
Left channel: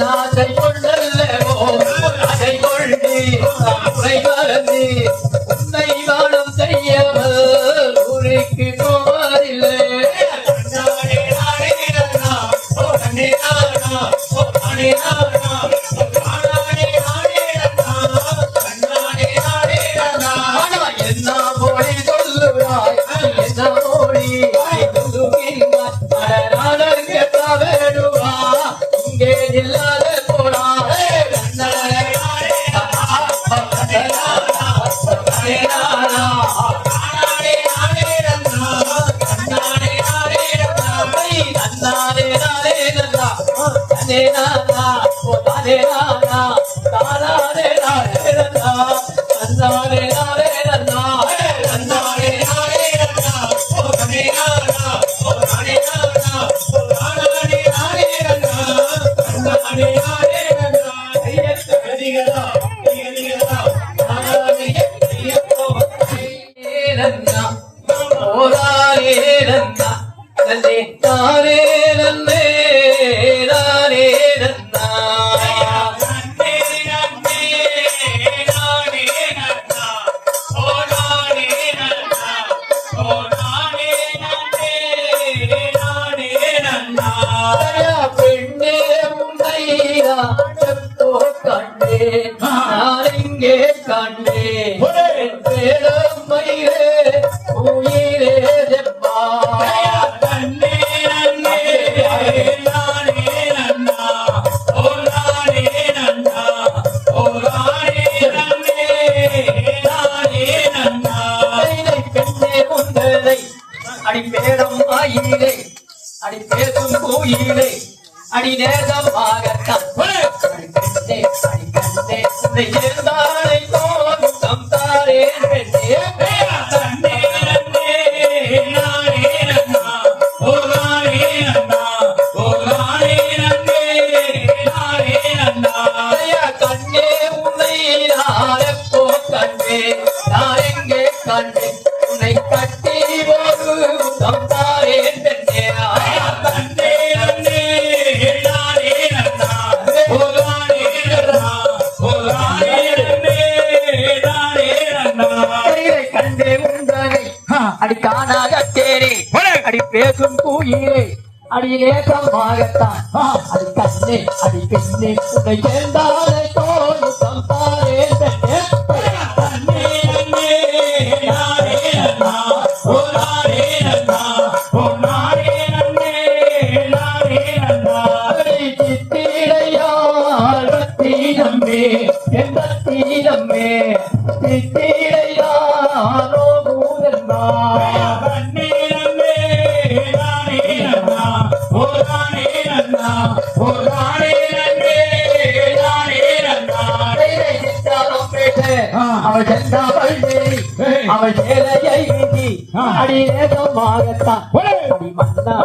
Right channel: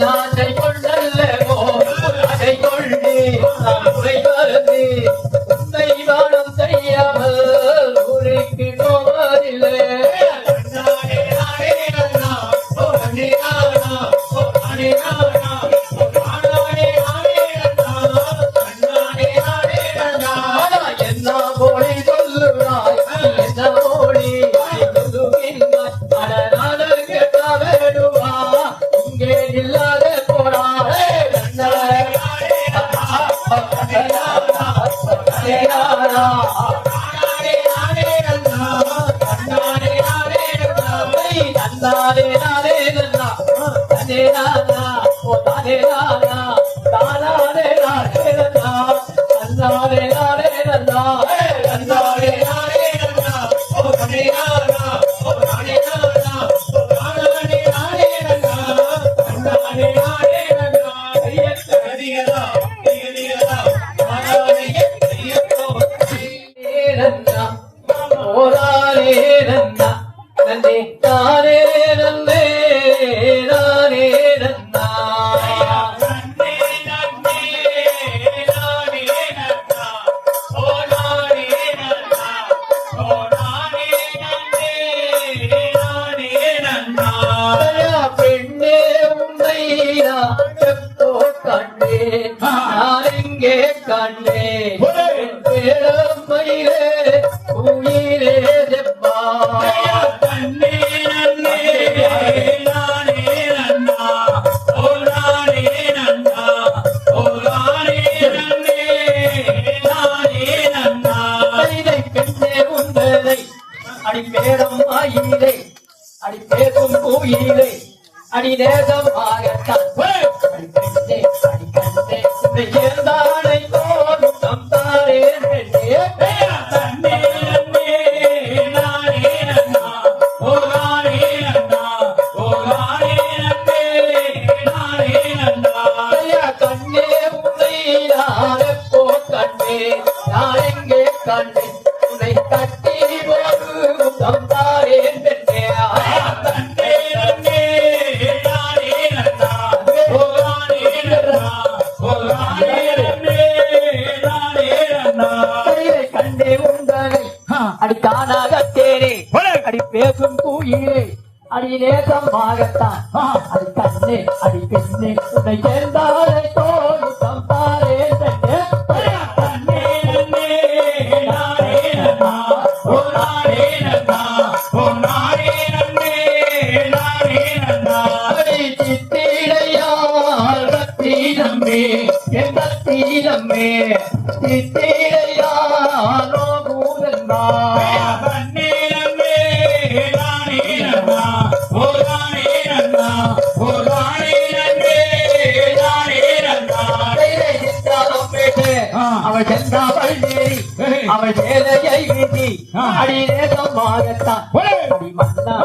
நாதை கொண்டல்லவோ அதை கொள்ளி குறை மறந்து உன்னை வானம் செய்யாமல் ஊருக்கு போவதில்லை என்ன மொழி சொல்லுவாய் என்ன மொழி சொல்லுகின்றாய் நாடக வேடுவா இங்கே இல்லாத போடா நன்னே தானே நன்னே நானே நன்னா பெண்ணே உன்னையா எப்போ கண்டே நான் எங்கே கண்டே மயிலே உயிரே செப்பா அடி பேரம் ஆயிலே அடி பேசும் கோயிலே அடி நேசமாகத்தான் அடி கண்டே உன்னை சேர்ந்தானை தோணும் தந்தாரே கண்ணே உன்னை நான் எப்போ கண்டே நான் எங்கே கண்டே உன்னை கட்டி ஒரு தந்தாரே கண்டே உண்டனை அடி காணாத தேரே அடி பேசும் கூயிலே அடி நேசமாகத்தான் அடி கண்ணே அடி பெண்ணே உன்னை சேர்ந்தாலே தோணும் தந்தாரே சித்திரையானோ பூரன்பா அவள் சென்றாள் தேவி அவள் சேலையை வீசி அடிநேசமாகத்தான் அடி மன்னா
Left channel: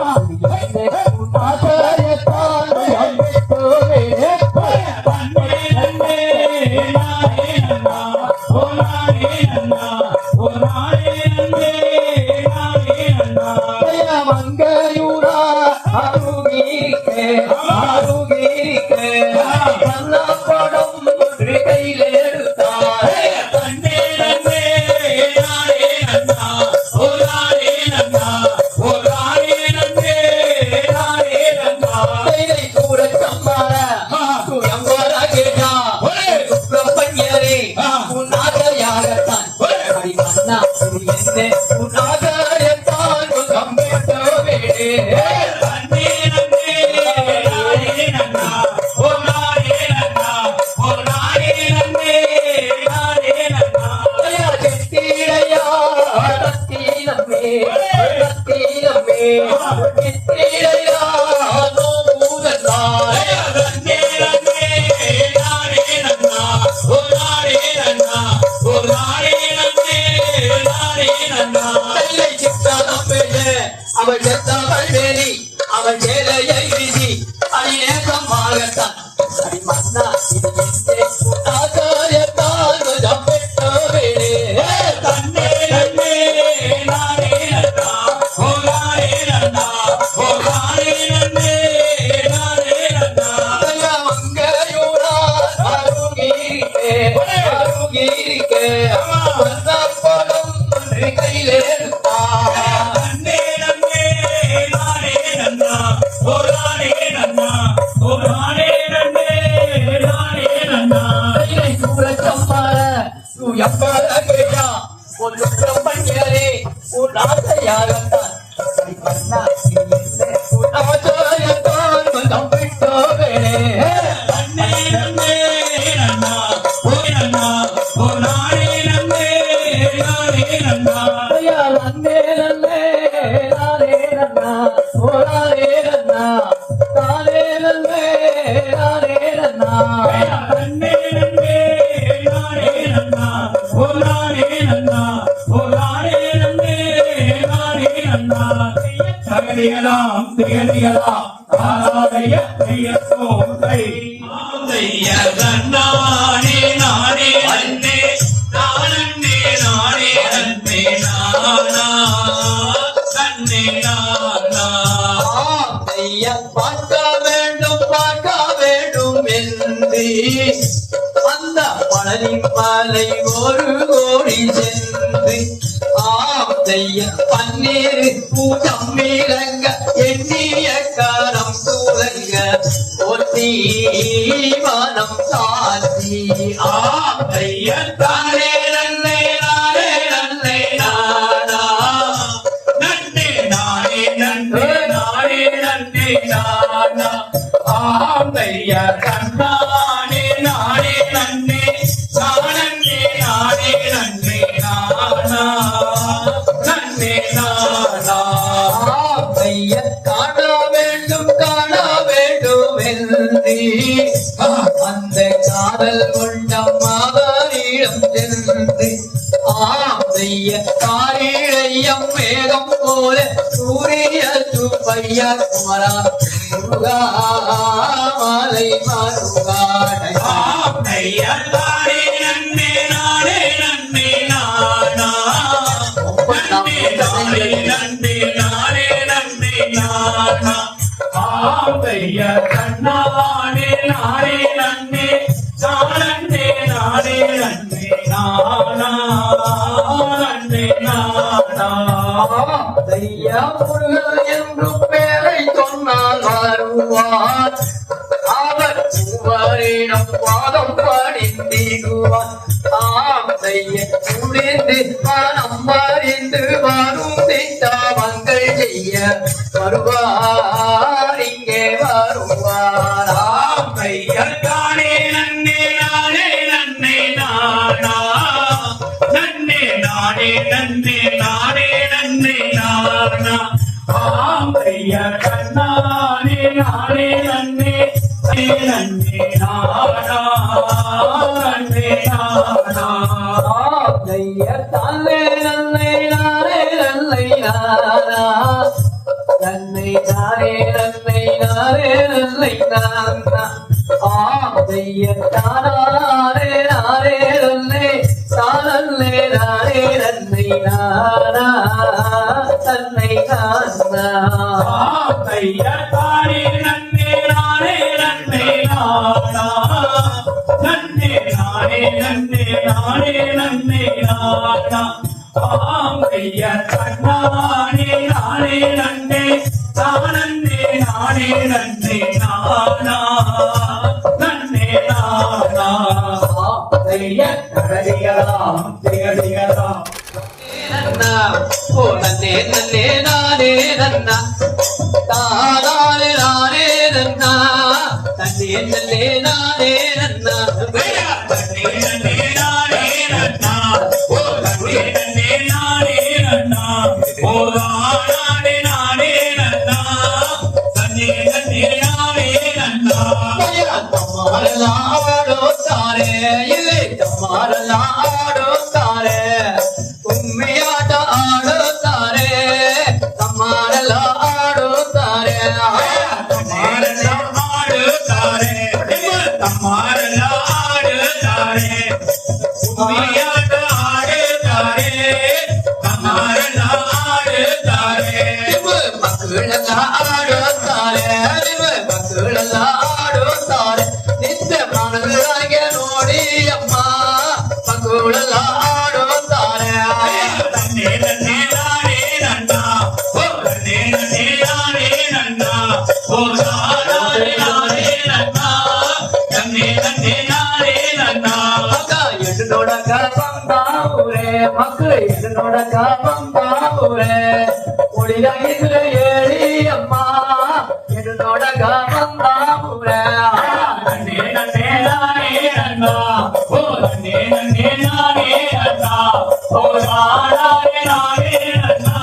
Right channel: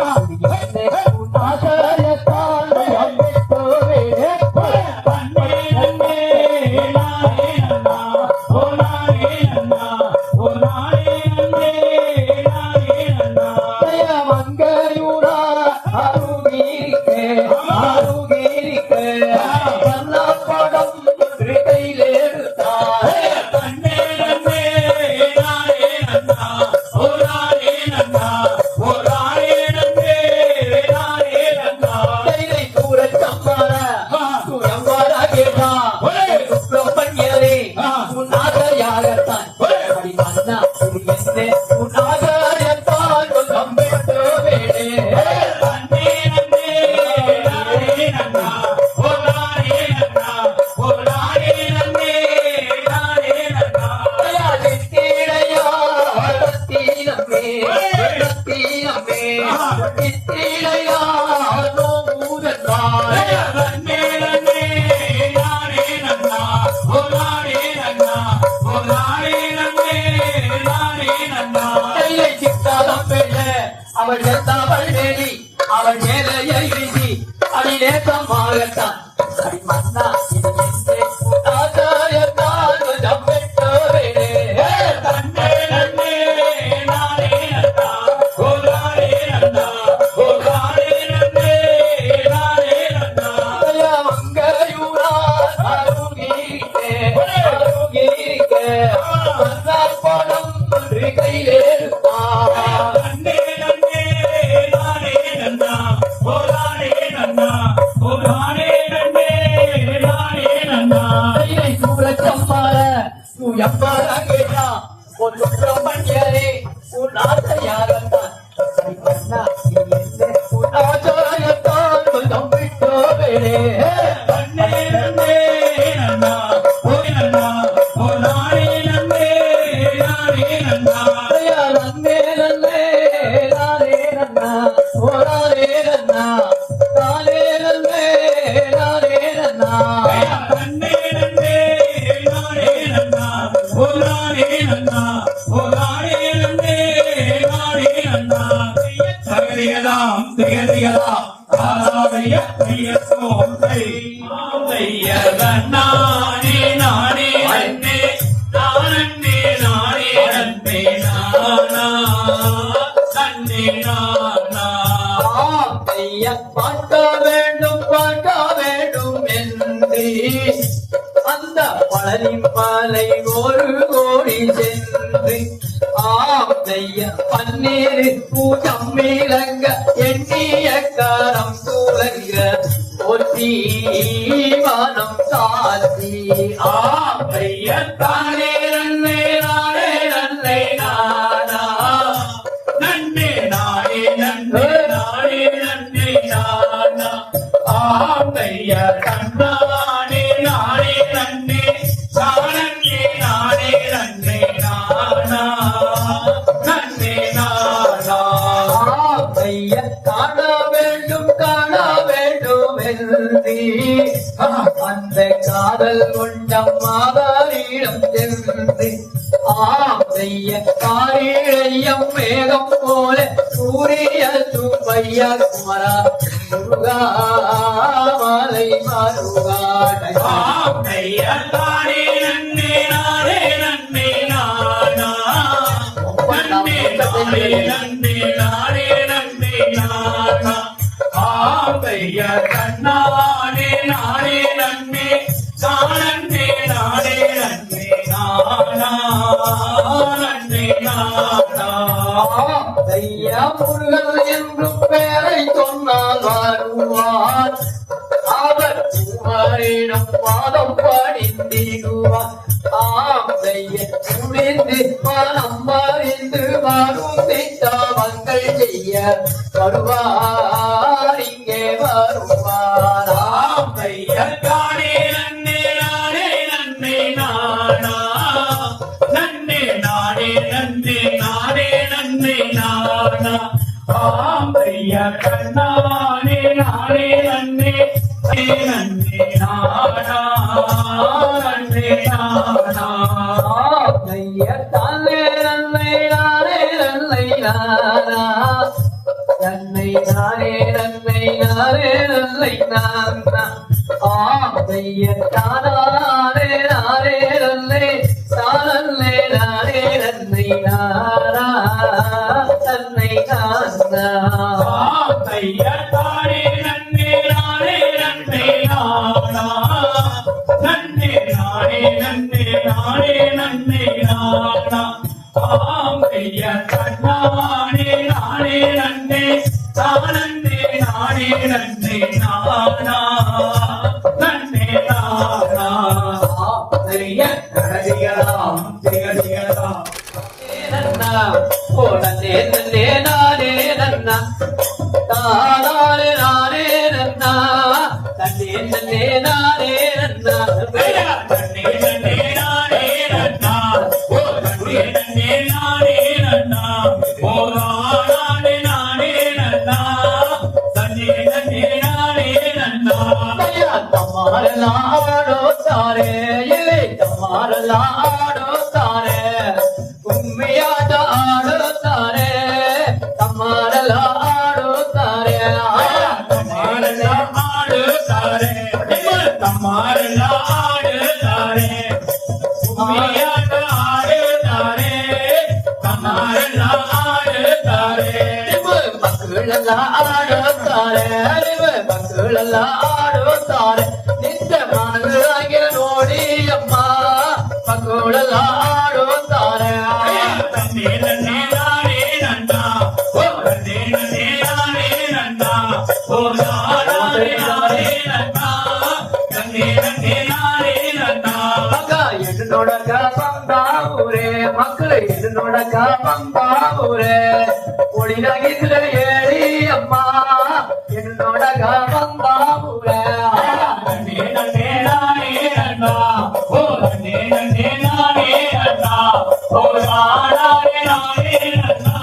அவள் செத்தவள் வேலி அவள் சேலையை வீசி அடிநேசமாகத்தான் அடி மன்னா இது எங்கே ஆகாயத்தால் பெற்றவரே தன்னே நன்னே நானே நன்னா ஓரானே நன்னா ஓரானே நன்னே நானே நன்னா மங்கையூரா அருகீரிக்கே அருகீரிக்கே படம் கையிலே அந்த பழனிமலை ஒரு கோடி சென்று ஆத்தைய பன்னீர் பூஜம் மீளங்க எண்ணிய காலம் தூரங்க ஒத்தி மனம் காத்தி ஆத்தைய தானே நன்னே நானே நன்னே நானா நன்னே நானே நன்னே நானே நன்னே நானா ஆத்தைய கண்ணா அந்த காதல் கொண்ட மாதாரிடம் சென்று ஆமைய காரிழையம் வேகம் போல சூரிய சுப்பைய குமரா முருகாலை மருகாடைய தாரே நன்னே நானே நன்னே நானா நன்னே நானே நன்னே நானே நன்னே நானா ஆமைய கண்ணானே நானே நன்னே சானே நானே நன்னே நானா நன்னே நானா தையா முருகன் என்றும் பேரை சொன்னால் வருவார் அவர் பூவாரிடம் பாதம் பாடிந்திடுவார் ஆமைய சுழிந்து மனம் மறிந்து வரும் திட்டவங்கள் செய்ய வருவார் இங்கே வருவார் ஆமைய தானே நன்னே நானே நன்னே நானா நன்னே நானே நன்னே நானே நன்னே நானா ஆமைய கண்ணானே நானே நன்னே நன்னே நானா நன்னே நானா நானா நன்னை நானே நன்னை நானே நன்னை நானா ஆமைய தானே நானே நன்னை தானே நானே நன்னை நானா நன்னை நானா ஆமைய தானே நன்னை நானே நன்னை நானா நன்னை நானே நன்னை நானே நன்னை நானா ஆமைய தானே நானே நன்னை தானே நானே நன்னை நானா நன்னை நானா ஆமைய கடிகளாம் திகடிகளாம் ஓ நன்னே நன்னே நானே நன்னா தானே நானே நன்னா நன்னே நன்னே நானே நன்னா நன்னே நன்னே நானே நன்னா ஓ நன்னே நன்னே நானே நன்னா ஓ நானே நானே நன்னா நன்னே நன்னே நானே நன்னா தம்மாரெல்லாம் ஆடோ தாரே இல்லை தம்மாரெல்லாம் ஆடோ தாரே உண்மையாட்ட ஆடோ தாரே தம்மாரெல்லாம் ஆடோ தாரே தம்மாரெல்லாம் ஆடு தாரே தம்மாரெல்லாம் ஆடு தாரே உமையாட்டு ஆடு தாரே தம்மாரெல்லாம் ஆடு தாரே மக்களெல்லாம் ஆடோ தாரே மக்களெல்லாம் ஆடோ தாரே நித்திய மனதாகிய நோடி அம்மா மக்களெல்லாம் ஆடோ தாரே நன்னே நன்னே நானே நன்னா ஓ நன்னே நன்னே நானே நன்னா ஓ நானே நானே நன்னா நன்னே நன்னே நானே நன்னா என்னோட காப்பாம்பூரே மக்கள் என்னோட காப்பாம்பூரே ஒளியில ஏழி அம்மா என்னோட காப்பாம்பூரே நன்னே நன்னே நானே நன்னா ஓ நன்னே நன்னே நானே நன்னா ஓ நானே நானே நன்னா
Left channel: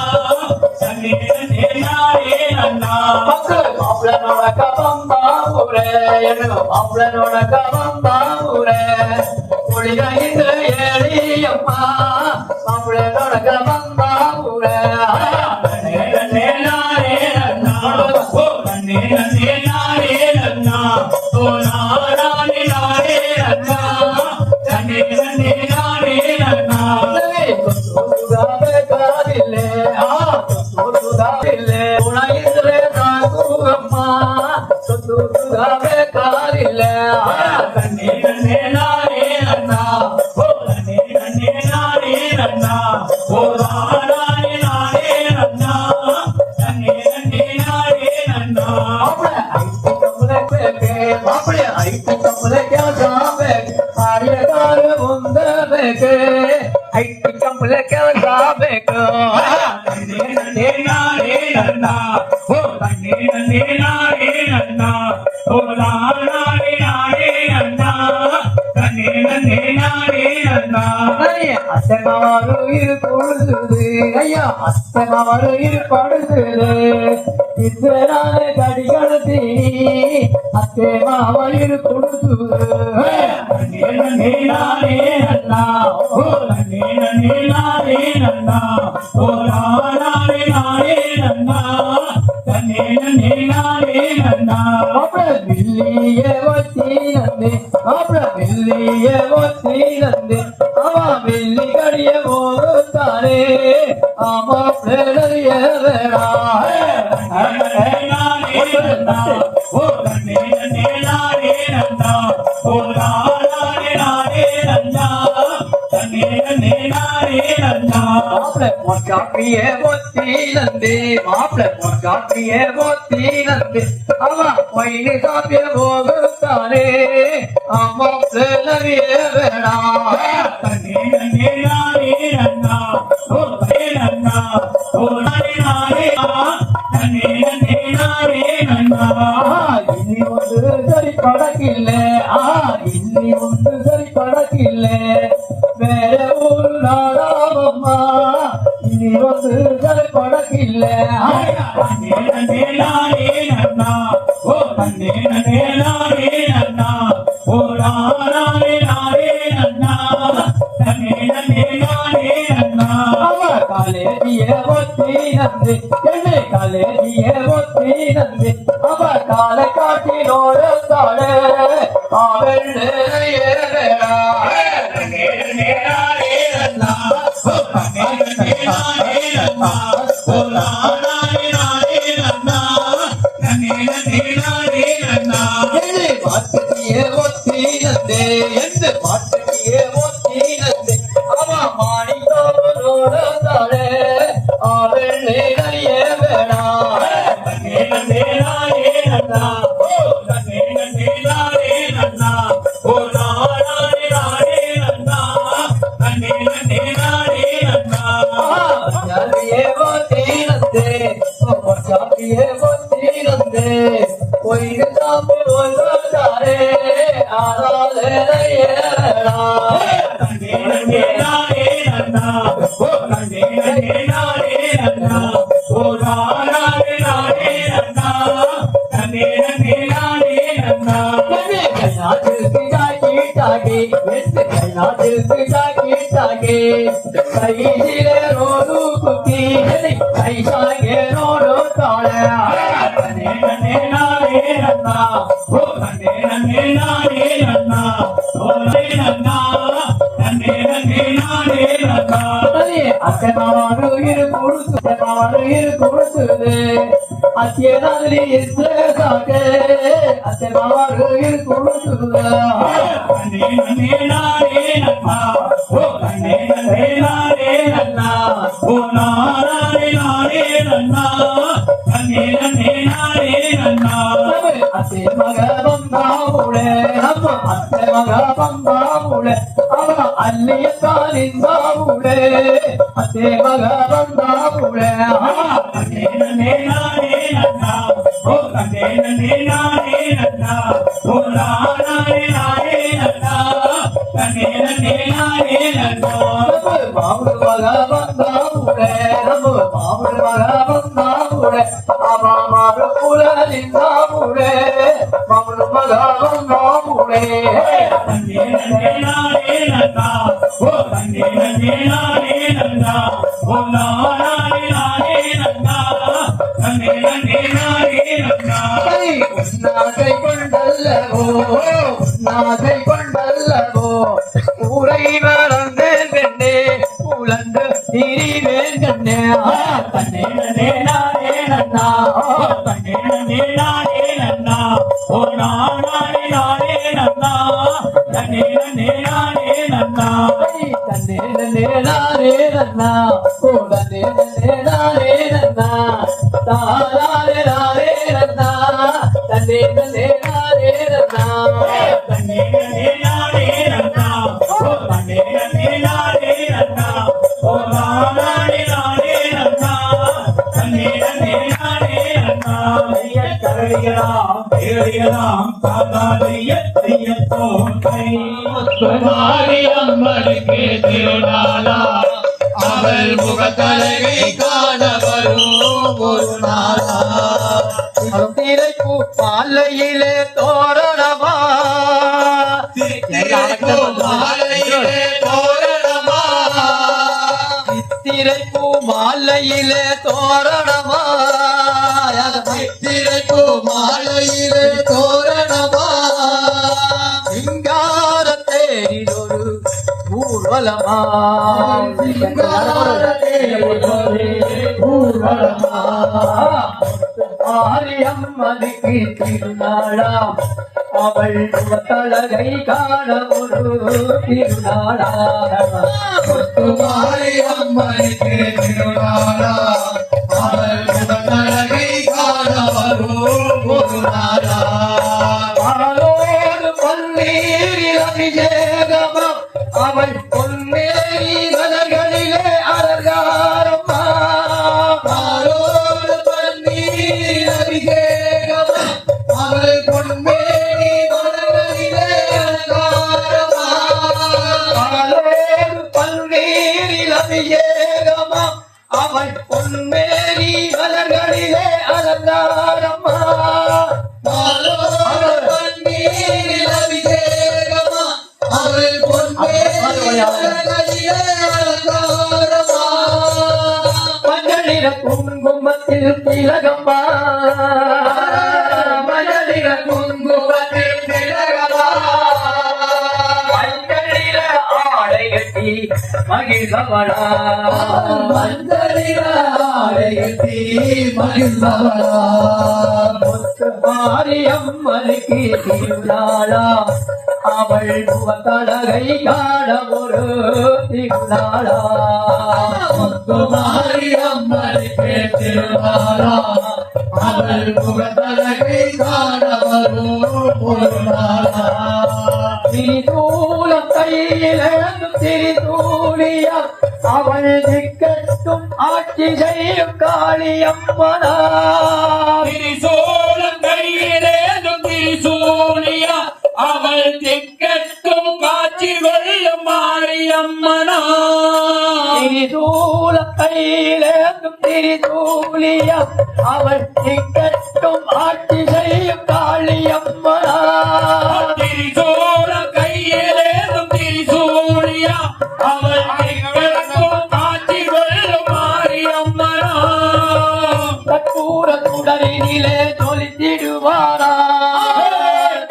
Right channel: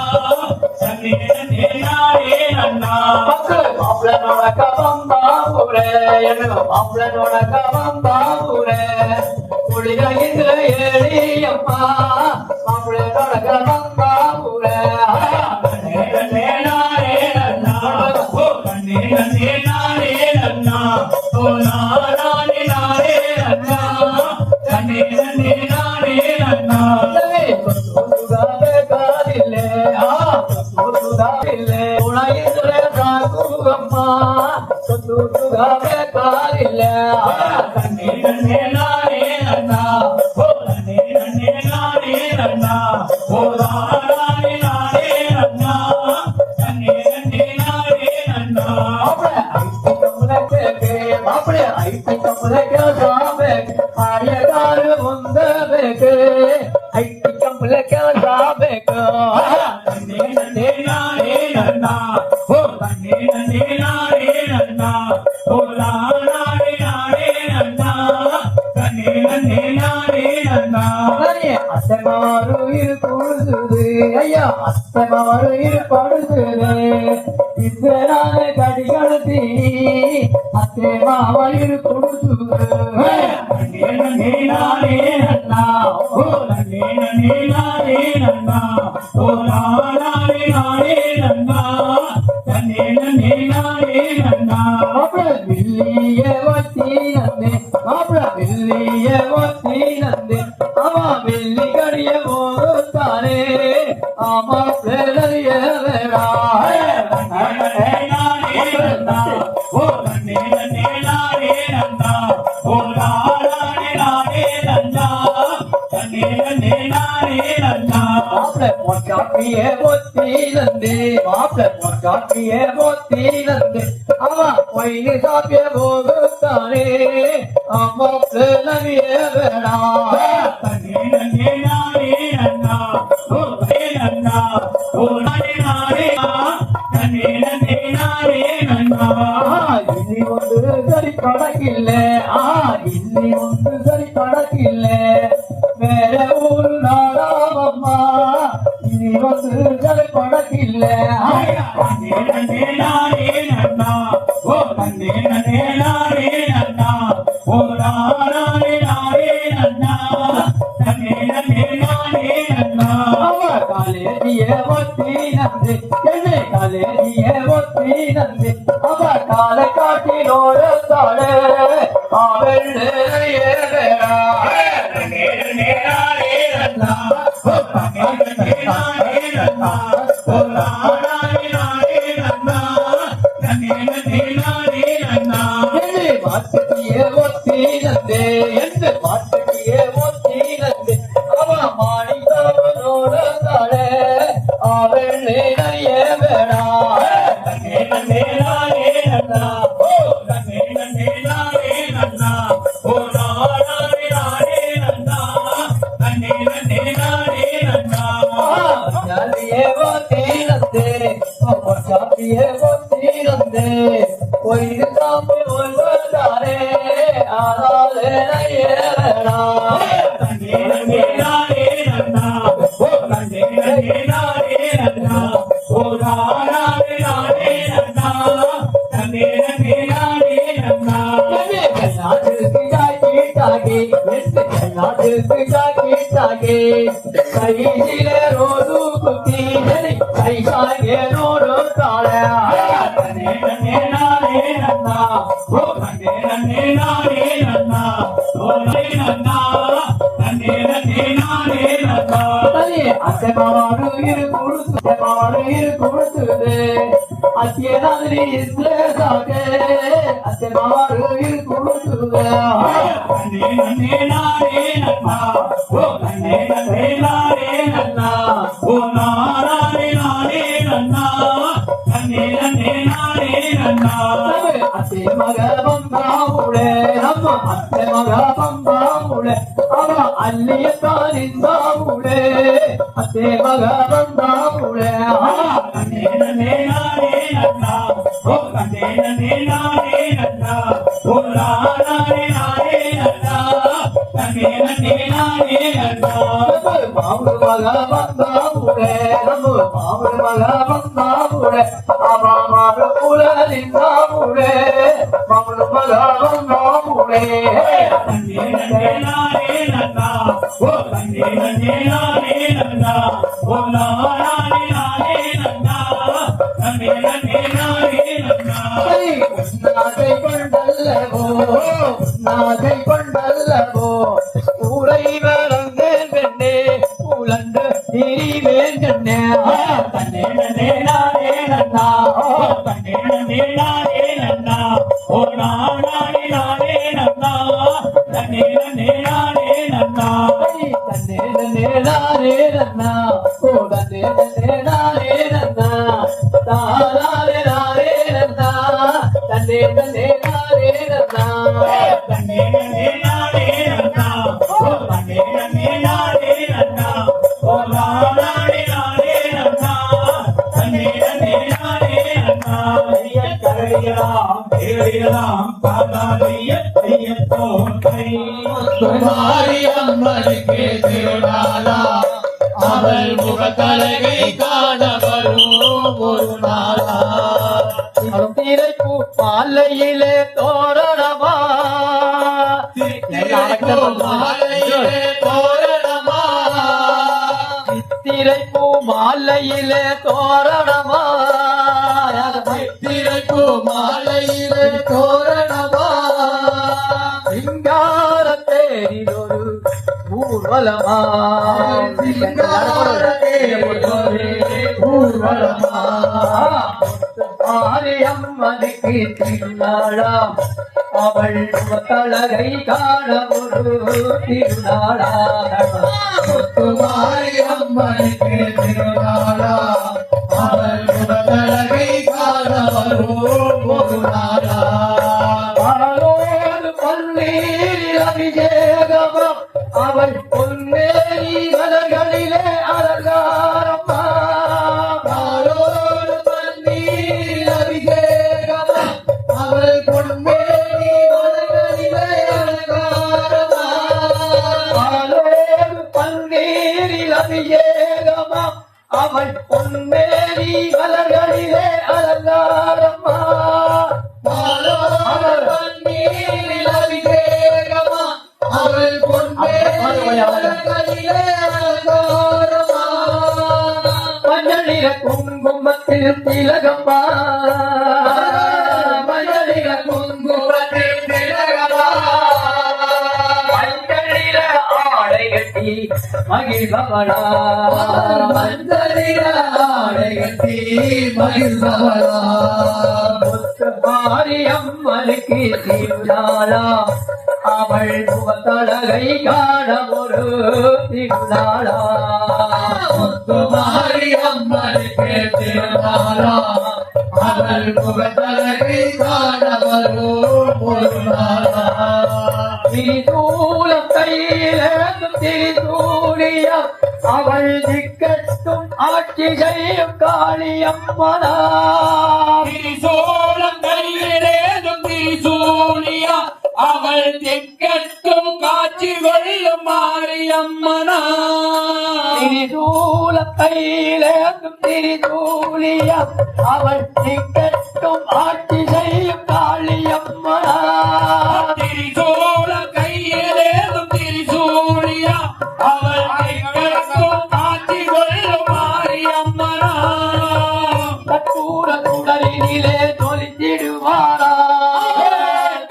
நன்னே நன்னே நானே நன்னா மக்கள் மாப்பிளனோட காப்பாம்பூரே என்னோட மாப்பிளனோட காப்பாம்பூரே ஒளியில ஏழி அம்மா மாப்பிளனோட காப்பாம்பூரே நன்னே நன்னே நானே நன்னா ஓ நன்னே நன்னே நானே நன்னா ஓ நானே நானே நன்னா நன்னே நன்னே நானே நன்னா ಬೇಕಾದಿಲ್ಲೇ ಸುಧಾರಿಲ್ಲೇ ಗುಣ ಇದ್ರೆ ಸಾಕು ಅಮ್ಮ ಬೇಕಾದಿಲ್ಲ ನನ್ನೇ ನನ್ನೇ ನಾನೇ ನನ್ನ ಓ ನನ್ನೇ ನನ್ನೇ ನಾನೇ ನನ್ನ ಓ ನಾನೇ ನಾನೇ ನನ್ನ ನನ್ನೇ ನನ್ನೇ ನಾನೇ ನನ್ನ ಮಾಪಳೆ ಐಟಿ ಕಂಬಳ ಕೆಲಸ ಬೇಕು ಕಾರ್ಯಗಾರ ಮುಂದೆ ಬೇಕು ಐಟಿ ಕಂಬಳ ಕೆಲಸ ಬೇಕು ನನ್ನೇ ನನ್ನೇ ನಾನೇ ನನ್ನ ಓ ನನ್ನೇ ನನ್ನೇ ನಾನೇ ನನ್ನ ಓ ನಾನೇ ನಾನೇ ನನ್ನ ನನ್ನೇ ನನ್ನೇ ನಾನೇ ನನ್ನ அத்தனாரு இரு பொழுது ஐயா அத்தனாரு இரு படுத்துது இத்தனான கடிகளத்தி அத்தே மாவல் இரு கொடுத்துது நன்னே நன்னே நானே நன்னா ஓ நன்னே நன்னே நானே நன்னா ஓ நானே நானே நன்னா நன்னே நன்னே நானே நன்னா மாப்பிள வில்லிய வச்சி நந்தே மாப்பிள வில்லிய வச்சி நந்தே ஆமா வெள்ளி கடிய போதாரே ஆமா பிள்ளைய வேடா நன்னே நானே நன்னா ஓ நன்னே நன்னே நானே நன்னா ஓ நானே நானே நன்னா நன்னே நன்னே நானே நன்னா மாப்பிள பொற்காப்பியே ஒத்தி நந்தே மாப்பிள பொற்காப்பியே ஒத்தி நந்தே ஆமா பொய்னு காப்பிய போதாரே ஆமா பிள்ளைய வேடா நன்னே நன்னே நானே நன்னா ஓ நன்னே நன்னா ஓ நானே நானே நன்னே நன்னே நானே நன்னா இன்னி ஒன்று சரி கணக்கில்ல இன்னி ஒன்று சரி கணக்கில்ல வேற ஒரு நாடாமம்மா இனி ஒன்று சரி கணக்கில்ல நன்னே நன்னே நானே நன்னா ஓ நன்னே நன்னே நானே நன்னா ஓ நானே நானே நன்னா நன்னே நன்னே நானே நன்னா அவ கால கலேதிய ஒத்தி நந்து என்னை கலேதிய ஒத்தி நந்து அவ காலை காட்டினோட தாழே அவள் நேரா அவள் முகத்தழகை காண வரும் ஒரு நாளா திரைப்பூ மாலையிலே தோரணமா திரைப்பூ மாலையிலே தோரணமா திரைப்பூ மாலையிலே தோரணமா சிங்கார தேரிலொரு ஊர்வலமா ஊர்வலமா மாரியம்மனுக்கு திருநாளா அவள் முகத்தழகை காண ஒரு திருநாளா மாரியம்மனுக்கு திருநாளா அவள் முகத்தழகை காண ஒரு நாளா பொன்னீரில் அபிஷேகமா அவள் பொன்னேரி மலர்களிலே அலங்காரமா பன்னீரில் அபிஷேகமா அவள் பொன்னேரி மலர்களிலே அலங்காரமா பன்னீரில் அபிஷேகமா அவள் பொன்னேரி மலர்களிலே அலங்காரமா அவள் பொன்னே மகளிர குங்குமத்தில் திலகமா மகளிர குங்குமத்தில் திலகமா மஞ்சளிர ஆடை கட்டி மகிழ்பவளா மஞ்சளிர ஆடை கட்டி மகிழ்பவளா முத்து மாரியம்மனுக்கு திருநாளா அவள் முகத்தழகை காண ஒரு திருநாளா முத்து மாரியம்மனுக்கு திருநாளா அவள் முகத்தழகை காண ஒரு நாளா திரிசூலம் கையிலேந்து திரிசூலியா அவள் திக்கட்டும் ஆட்சி செய்யும் காளியம்மனா திரிசூலம் கையிலேந்தும் திரிசூலியா அவள் திக்கட்டும் காட்சி கொள்ளும் மாரியம்மனா திரிசூலம் கையிலேந்தும் திரிசூலியா அவள் திக்கட்டும் ஆட்சி செய்யும் காளியம்மனா திரிசூலம் கையிலேந்தும் திரிசூலியா அவள் திக்கட்டும் காட்சி கொள்ளும் மாரியம்மனா கற்பூர சுடரினிலே ஜொலித்திடுவாரா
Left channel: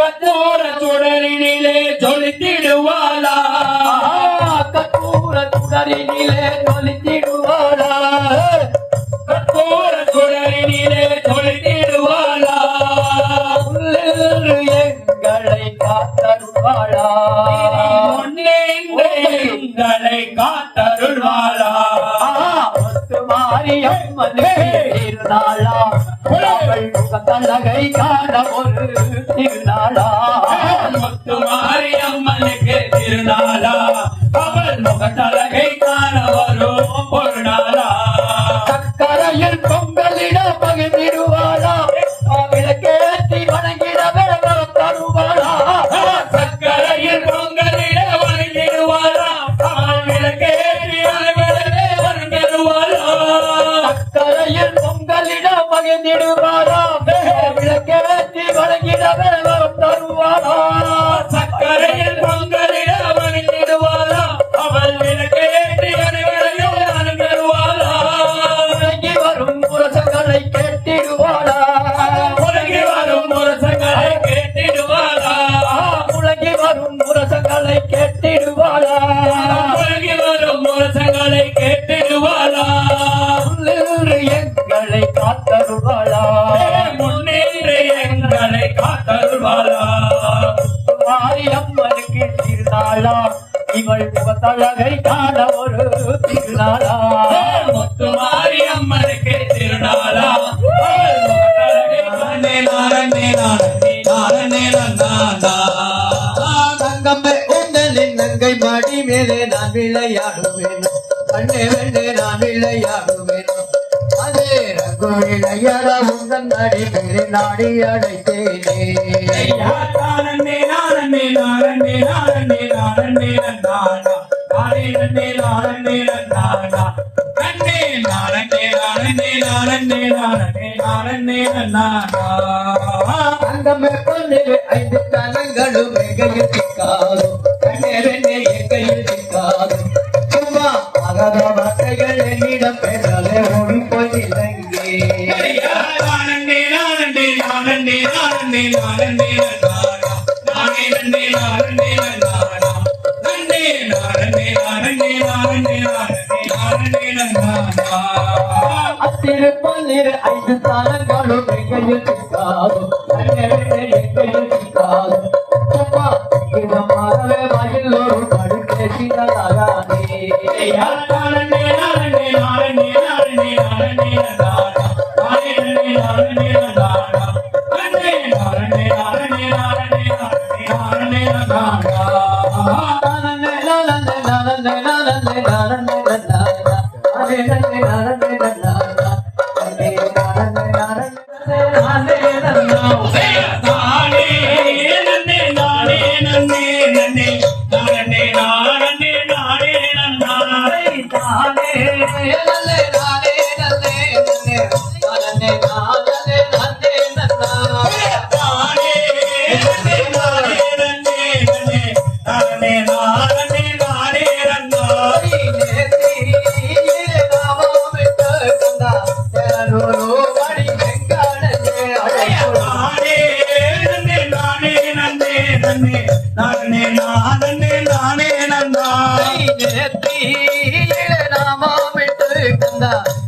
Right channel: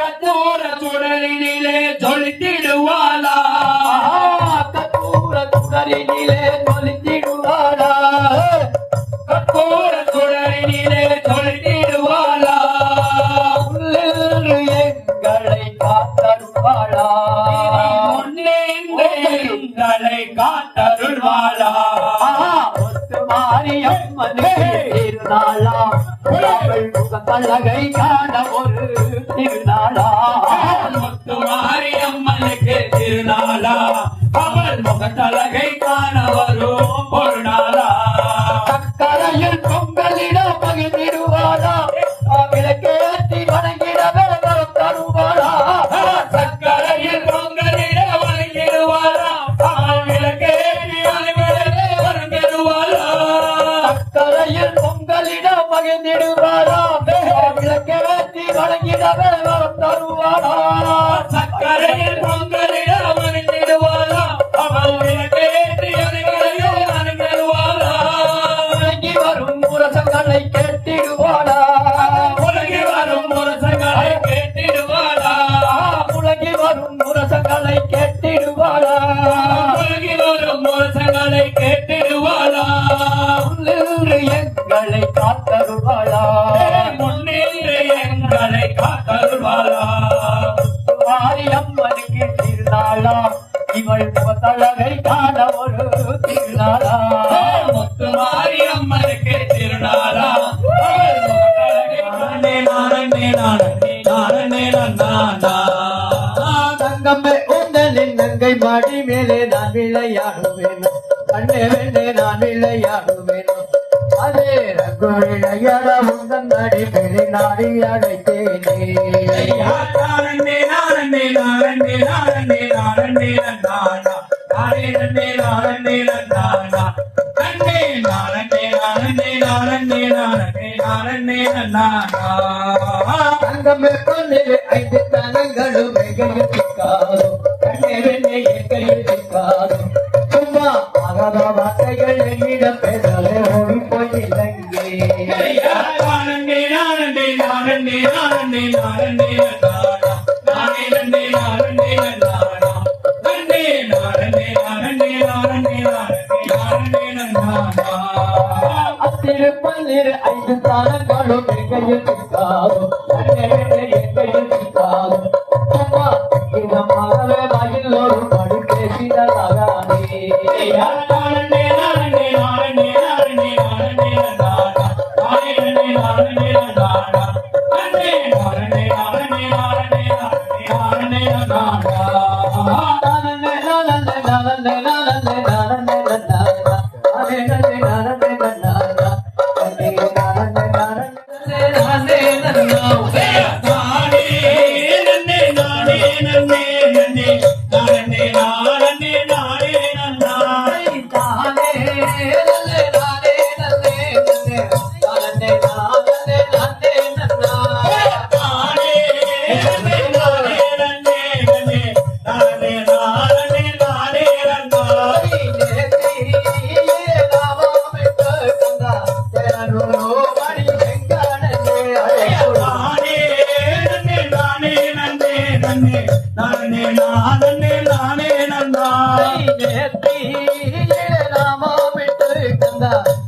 கற்பூர சுடரினிலே ஜொலித்திடுவாளா கற்பூர சுடரினிலே ஜொலித்திடுவாரா கற்பூர சுடரினிலே ஜொலித்திடுவாளா உள்ளின்று எங்களை காத்தருவாளா முன்னேந்து எங்களை காத்தருள்வாளா முத்து மாரியம்மனுக்கு திருநாளா அவள் முகத்தழகை காண ஒரு திருநாளா முத்து மாரியம்மனுக்கு திருநாளா அவள் முகத்தழகை காண வரும் ஒரு நாளா சக்கரையில் பொங்கலிட பகிர்ந்திடுவாரா விளக்கேற்றி வணங்கிடவே தருவாரா சக்கரையில் பொங்கலிட வணங்கிடுவாளா அவள் விளக்கேற்றி அனைவரே வணங்கிடுவாளா சக்கரையில் பொங்கலிட பகிர்ந்திடுவாரா விளக்கேற்றி வணங்கிடவே தருவாரா சக்கரையில் பொங்கலிட வணங்கிடுவாளா அவள் விளக்கேற்றி அனைவரையும் வணங்கிடுவாளா உலகி வரும் முரசங்களை கேட்டிடுவாளா உலகி வரும் முரசங்களை கேட்டிடுவாளா உலகி வரும் முரசங்களை கேட்டிடுவாளா உலகி வரும் முரசங்களை கேட்டிடுவாளா உள்ளிருந்து எங்களை காத்தருவாளா முன்னின்று எங்களை காத்தருள்வாளா மாரியம்மனுக்கு திருநாளா இவள் முகத்தழகை காண ஒரு திருநாளா முத்து மாரியம்மனுக்கு திருநாளா அவள் முகத்தழகை காணே நாரணே நாரணே நாரணே நானா தங்கம்மை உங்களின் கங்கை மாடி மேலே நான் விளையாடுவேன் கண்ணே வெண்ணே நான் விளையாடுவேன் அதே ரகு விளையாட உங்கள் நாடி மேலே நாடி அழைத்தேனே நாரணே நாரணே நாரணே நாரணே நாரணே நானா நானே நன்னே நாரணே நானா கண்ணே நாரணே நாரணே நாரணே நாரணே நாரணே நானா தங்கம்மை பொன்னில் 5 தனங்களும் எங்கையில் சிக்காரும் கண்ணே வெண்ணே எங்கையில் சிக்காரும் சும்மா ஆகாத வார்த்தைகள் என்னிடம் பேசாலே ஓடி போயில்லைங்கே நாரணே நாரணே நாரணே நாரணே நாரணே நானா நானே நன்னே நாரணே நானா கண்ணே நாரணே நாரணே நாரணே நாரணே நானா அத்திருப்பன்னிரு 5 தானங்களும் எங்கையில் சிக்காரும் கண்ணே வெண்ணே எங்கையில் சிக்காரும் சும்மா இதமாகவே வாயில் ஒரு படி பேசினதாகாதே நாரணே நாரணே நாரணே நாரணே நாரணே நானா நானே நன்னே நாரணே நானா கண்ணே நாரணே நாரணே நாரணே நாரணே நானா நானே நன்னே நானே நன்னே நன்னே நாரணே நாரணே நானே நானா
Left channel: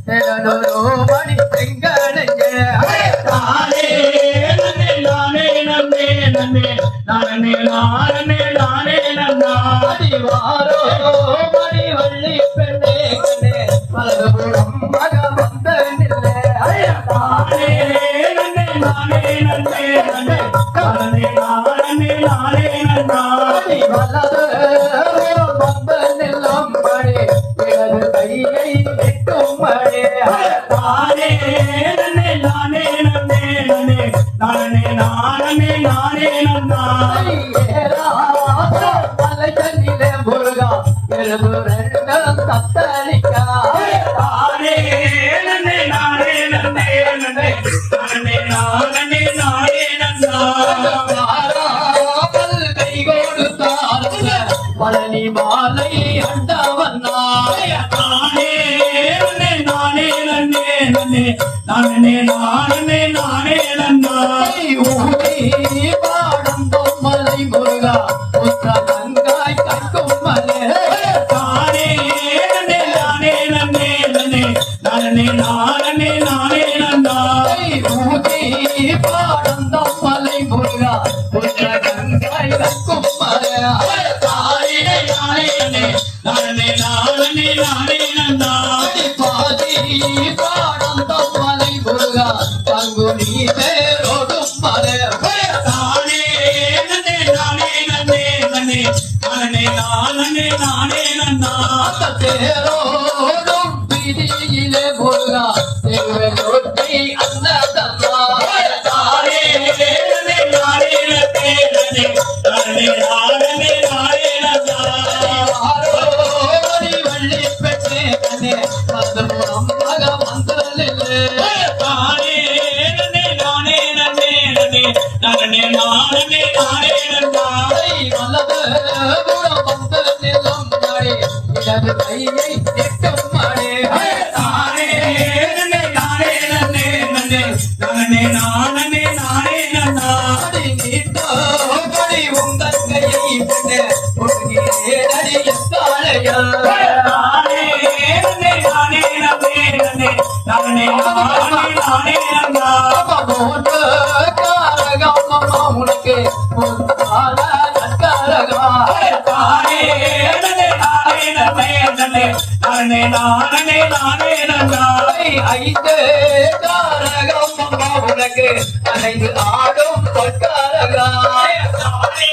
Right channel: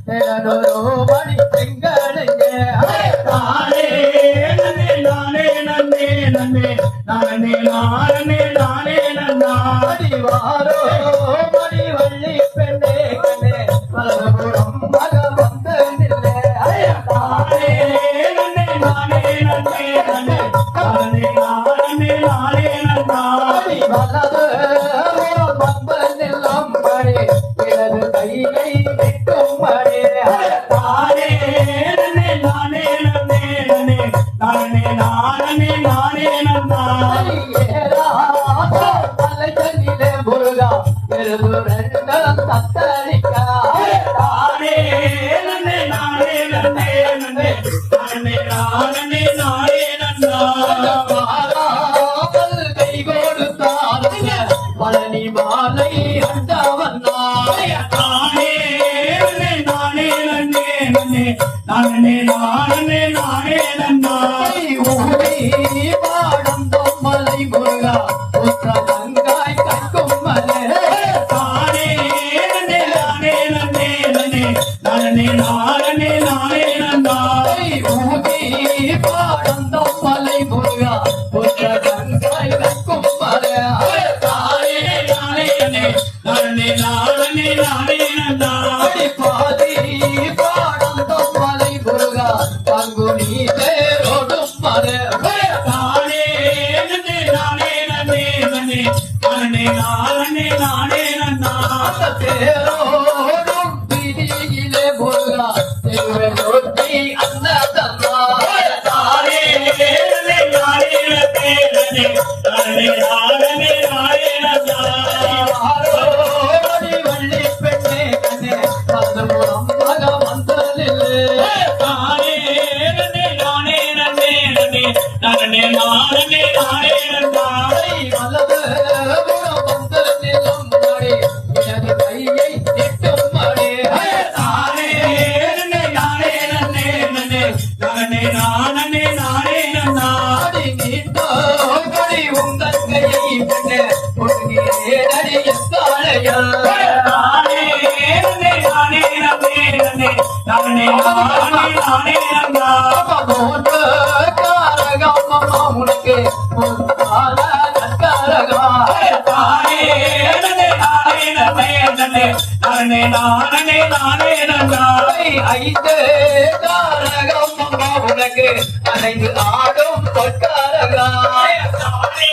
திகழொரு மணி செங்கடஞ்சே தானே நன்னே நானே நன்னே நன்னே நானே நானே நானே நன்னா அடிவாரோ மணி வள்ளி பெண்ணே கண்ணே பலபுறம் மக வந்த நில்லே தானே நன்னே நானே நன்னே நன்னே நானே நானே நானே நன்னா அடி வலது வந்த நில்லும் மணி இடது கையை வெட்டும் மணி தானே நன்னே நானே நன்னே நன்னே நானே நானே நானே நன்னா தலைச்சனிலே முருகா எழுது ரெண்டும் தத்தளிக்கா தானே நன்னே நானே நன்னே நன்னே நானே நானே நானே நன்னா பழனி மாலை அண்டவன்னா தானே நன்னே நானே நன்னே நன்னே நானே நானே நானே நன்னா ஊரை பாடம் மலை முருகா உத்த கங்காய் கற்கும் மலை தானே நன்னே நானே நன்னே நன்னே நானே நானே நானே நன்னா ஊரை பாடம் மலை முருகா உத்த கங்காய் கற்கும் மலை தானே நானே நன்னே நானே நானே நானே நன்னா பாதி பாடம் மலை முருகா பங்குனி தேரோடும் மலை தானே நன்னே நானே நன்னே நன்னே நானே நானே நானே நன்னா தேரோடும் வீதியிலே முருகா தெருவை தொட்டி அன்னதம்மா தானே நன்னே நானே நன்னே நன்னே நானே நானே நானே நன்னா ஆரோடி வள்ளி பெண்ணே கண்ணே பலபுறம் மக வந்தலில்லே தானே நன்னே நானே நன்னே நன்னே நானே நானே நானே நன்னா வலது புறம் வந்த நிலம் மழை இடது கையை எட்டும் மழை தானே நன்னே நானே நன்னே நன்னே நானே நானே நானே நன்னா அடி நீட்டோ மழை உங்கள் கையை பெண்ணே பொருகிறேடடி எக்காளையா தானே நன்னே நானே நன்னே நன்னே நானே நானே நானே நன்னா போட்டு காரகம் அம்மா உனக்கு பொறுத்தால நற்காரகா தானே நன்னே நானே நன்னே நன்னே நானே நானே நானே நன்னா ஐந்து காரகம் அம்மா உனக்கு அனைந்து ஆடும் பொற்காரகா தானே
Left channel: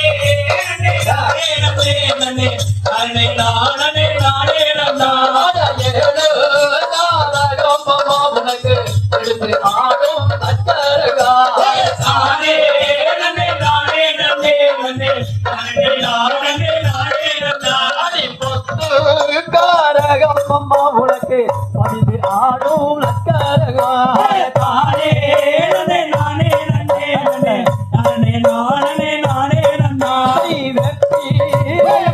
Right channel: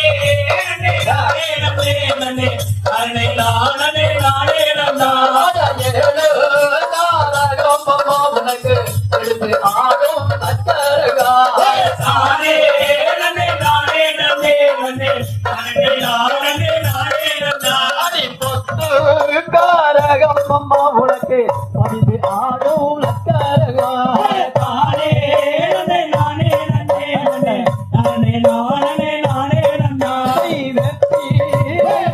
நன்னே நானே நன்னே நன்னே நானே நானே நானே நன்னா ஏழு காரகம் அம்மா உனக்கு எடுத்து ஆடும் நற்காரகா தானே நன்னே நானே நன்னே நன்னே நானே நானே நானே நன்னா பொத்து காரகம் அம்மா உனக்கு பதிவு ஆடும் நற்காரகா தானே நன்னே நானே நன்னே நன்னே நானே நானே நானே நன்னா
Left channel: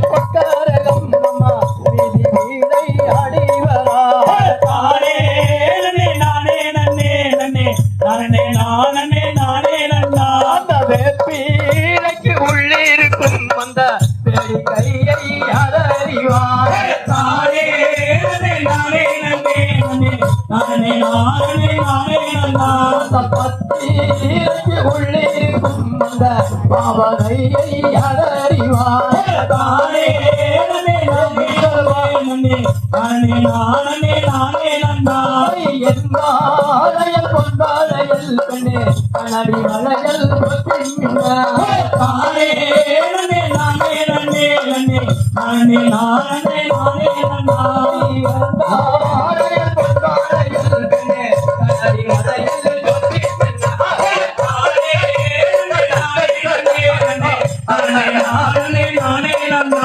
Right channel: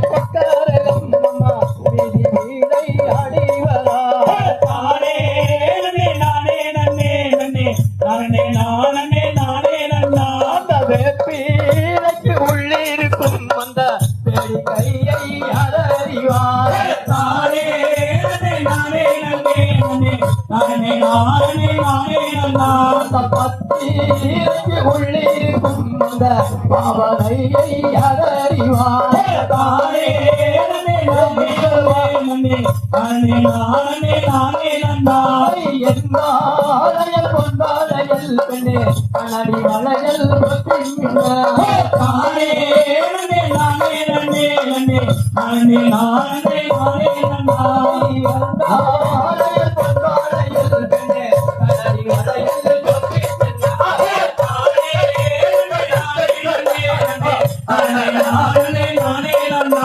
பொற்காரகம் அம்மா வீதை அடிவரா தானே நன்னே நானே நன்னே நன்னே நானே நானே நானே நன்னா அந்த வேப்பீனைக்கு உள்ளிருக்கும் அந்த பெரிய கையை அடறிவான் தானே நன்னே நானே நன்னே நன்னே நானே நானே நானே நன்னா அந்த பத்தீனைக்கு உள்ளிருக்கும் அந்த பாவனையை அடறிவான் தானே நன்னே நானே நன்னே நானே நானே நானே நன்னா என்னாலையல் பொன்னாலையல் பெண்ணே கனவி மலையல் தானே நன்னே நானே நன்னே நன்னே நானே நானே நானே நன்னா நானே நானே நன்னா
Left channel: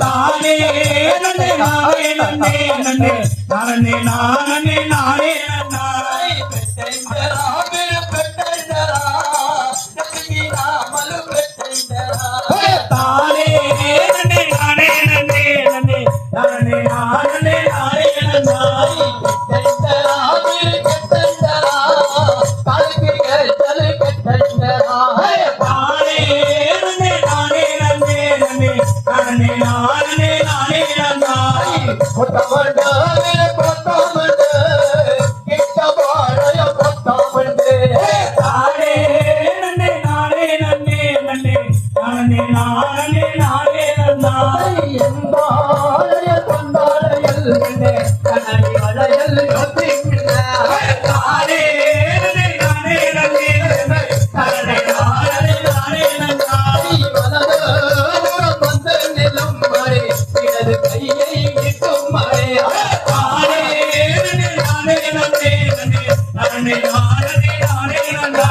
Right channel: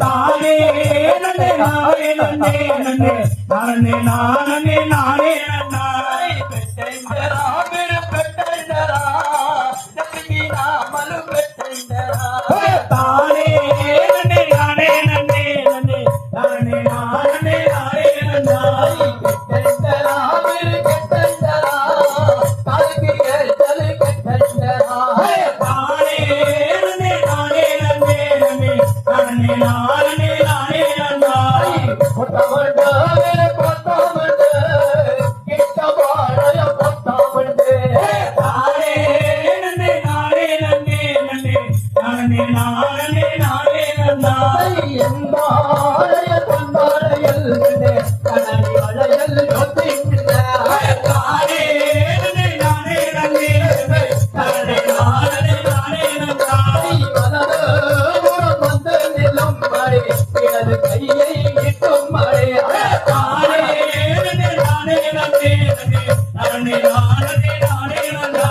தானே நன்னே நானே நன்னே நன்னே நானே நானே நானே நன்னா தானே நன்னே நானே நன்னே நன்னே நானே நானே நானே நன்னா தானே நன்னே நானே நன்னே நன்னே நன்னே நானே நானே நன்னா கொத்தமண்டே கொத்தமண்டே கிட்ட வாழைய கொத்தமண்டே நானே நன்னே நானே நன்னே நன்னே நானே நானே நானே நன்னா எம்பாழைய கொண்டாழையல் கண்ணடி வளையல் கொத்திக்கிட்ட நானே நன்னே நானே நன்னே நானே நானே நானே நன்னா வந்து நிலம் மறை இடது கையை இட்டும் மறை நானே நன்னே நானே நன்னே நானே நானே நானே நன்னா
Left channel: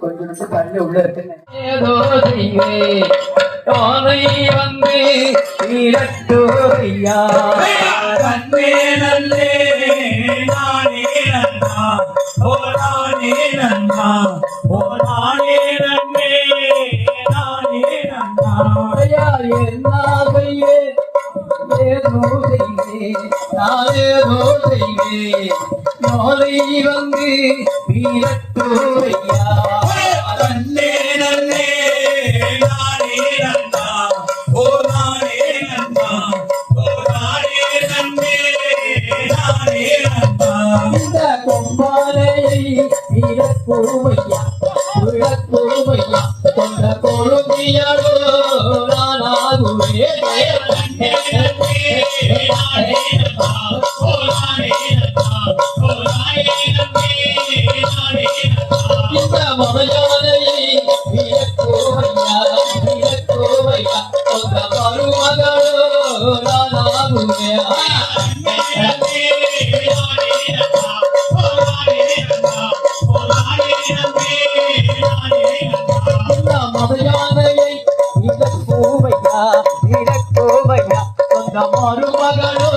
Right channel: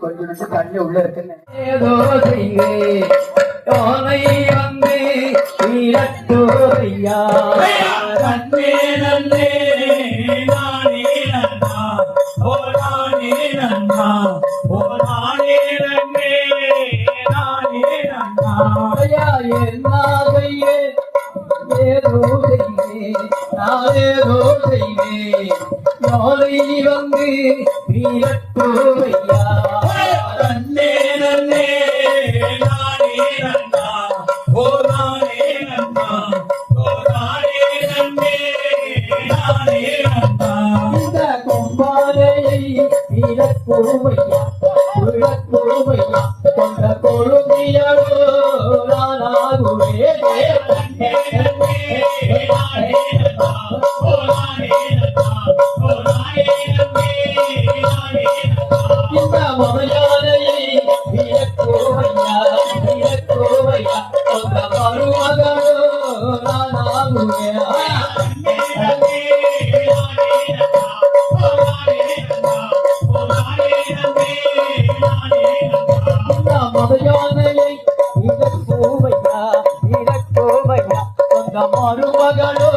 கொஞ்சம் தண்ணி உள்ள இருக்குன்னு ஏதோ செய்வே தோனை வந்து நீரட்டோரியா நன்னே நன்னே நானே நன்னா ஓ நானே நன்னா ஓ நானே நன்னே நானே நன்னா என்னாகையே ஏதோ செய்வே நானேதோ செய்வே தோனை வந்து நீரட்டோரியா நன்னே நன்னே நானே நன்னா ஓ நானே நன்னா ஓ நானே நன்னே நானே நன்னா இந்த கொண்டாரையை இழப்போமையா இழப்போமையா கொண்ட கொழுமையடோ நானாகுவே நன்னே நன்னே நானே நன்னா ஓ நானே நன்னா ஓ நானே நன்னே நானே நன்னா இந்த முதலாளையை இழப்போமையா இழப்போமையா கொண்ட மருமகளோ நானாகுவே மதையானையை இழப்போமையா இழப்போமையா கொண்ட மருமகளோ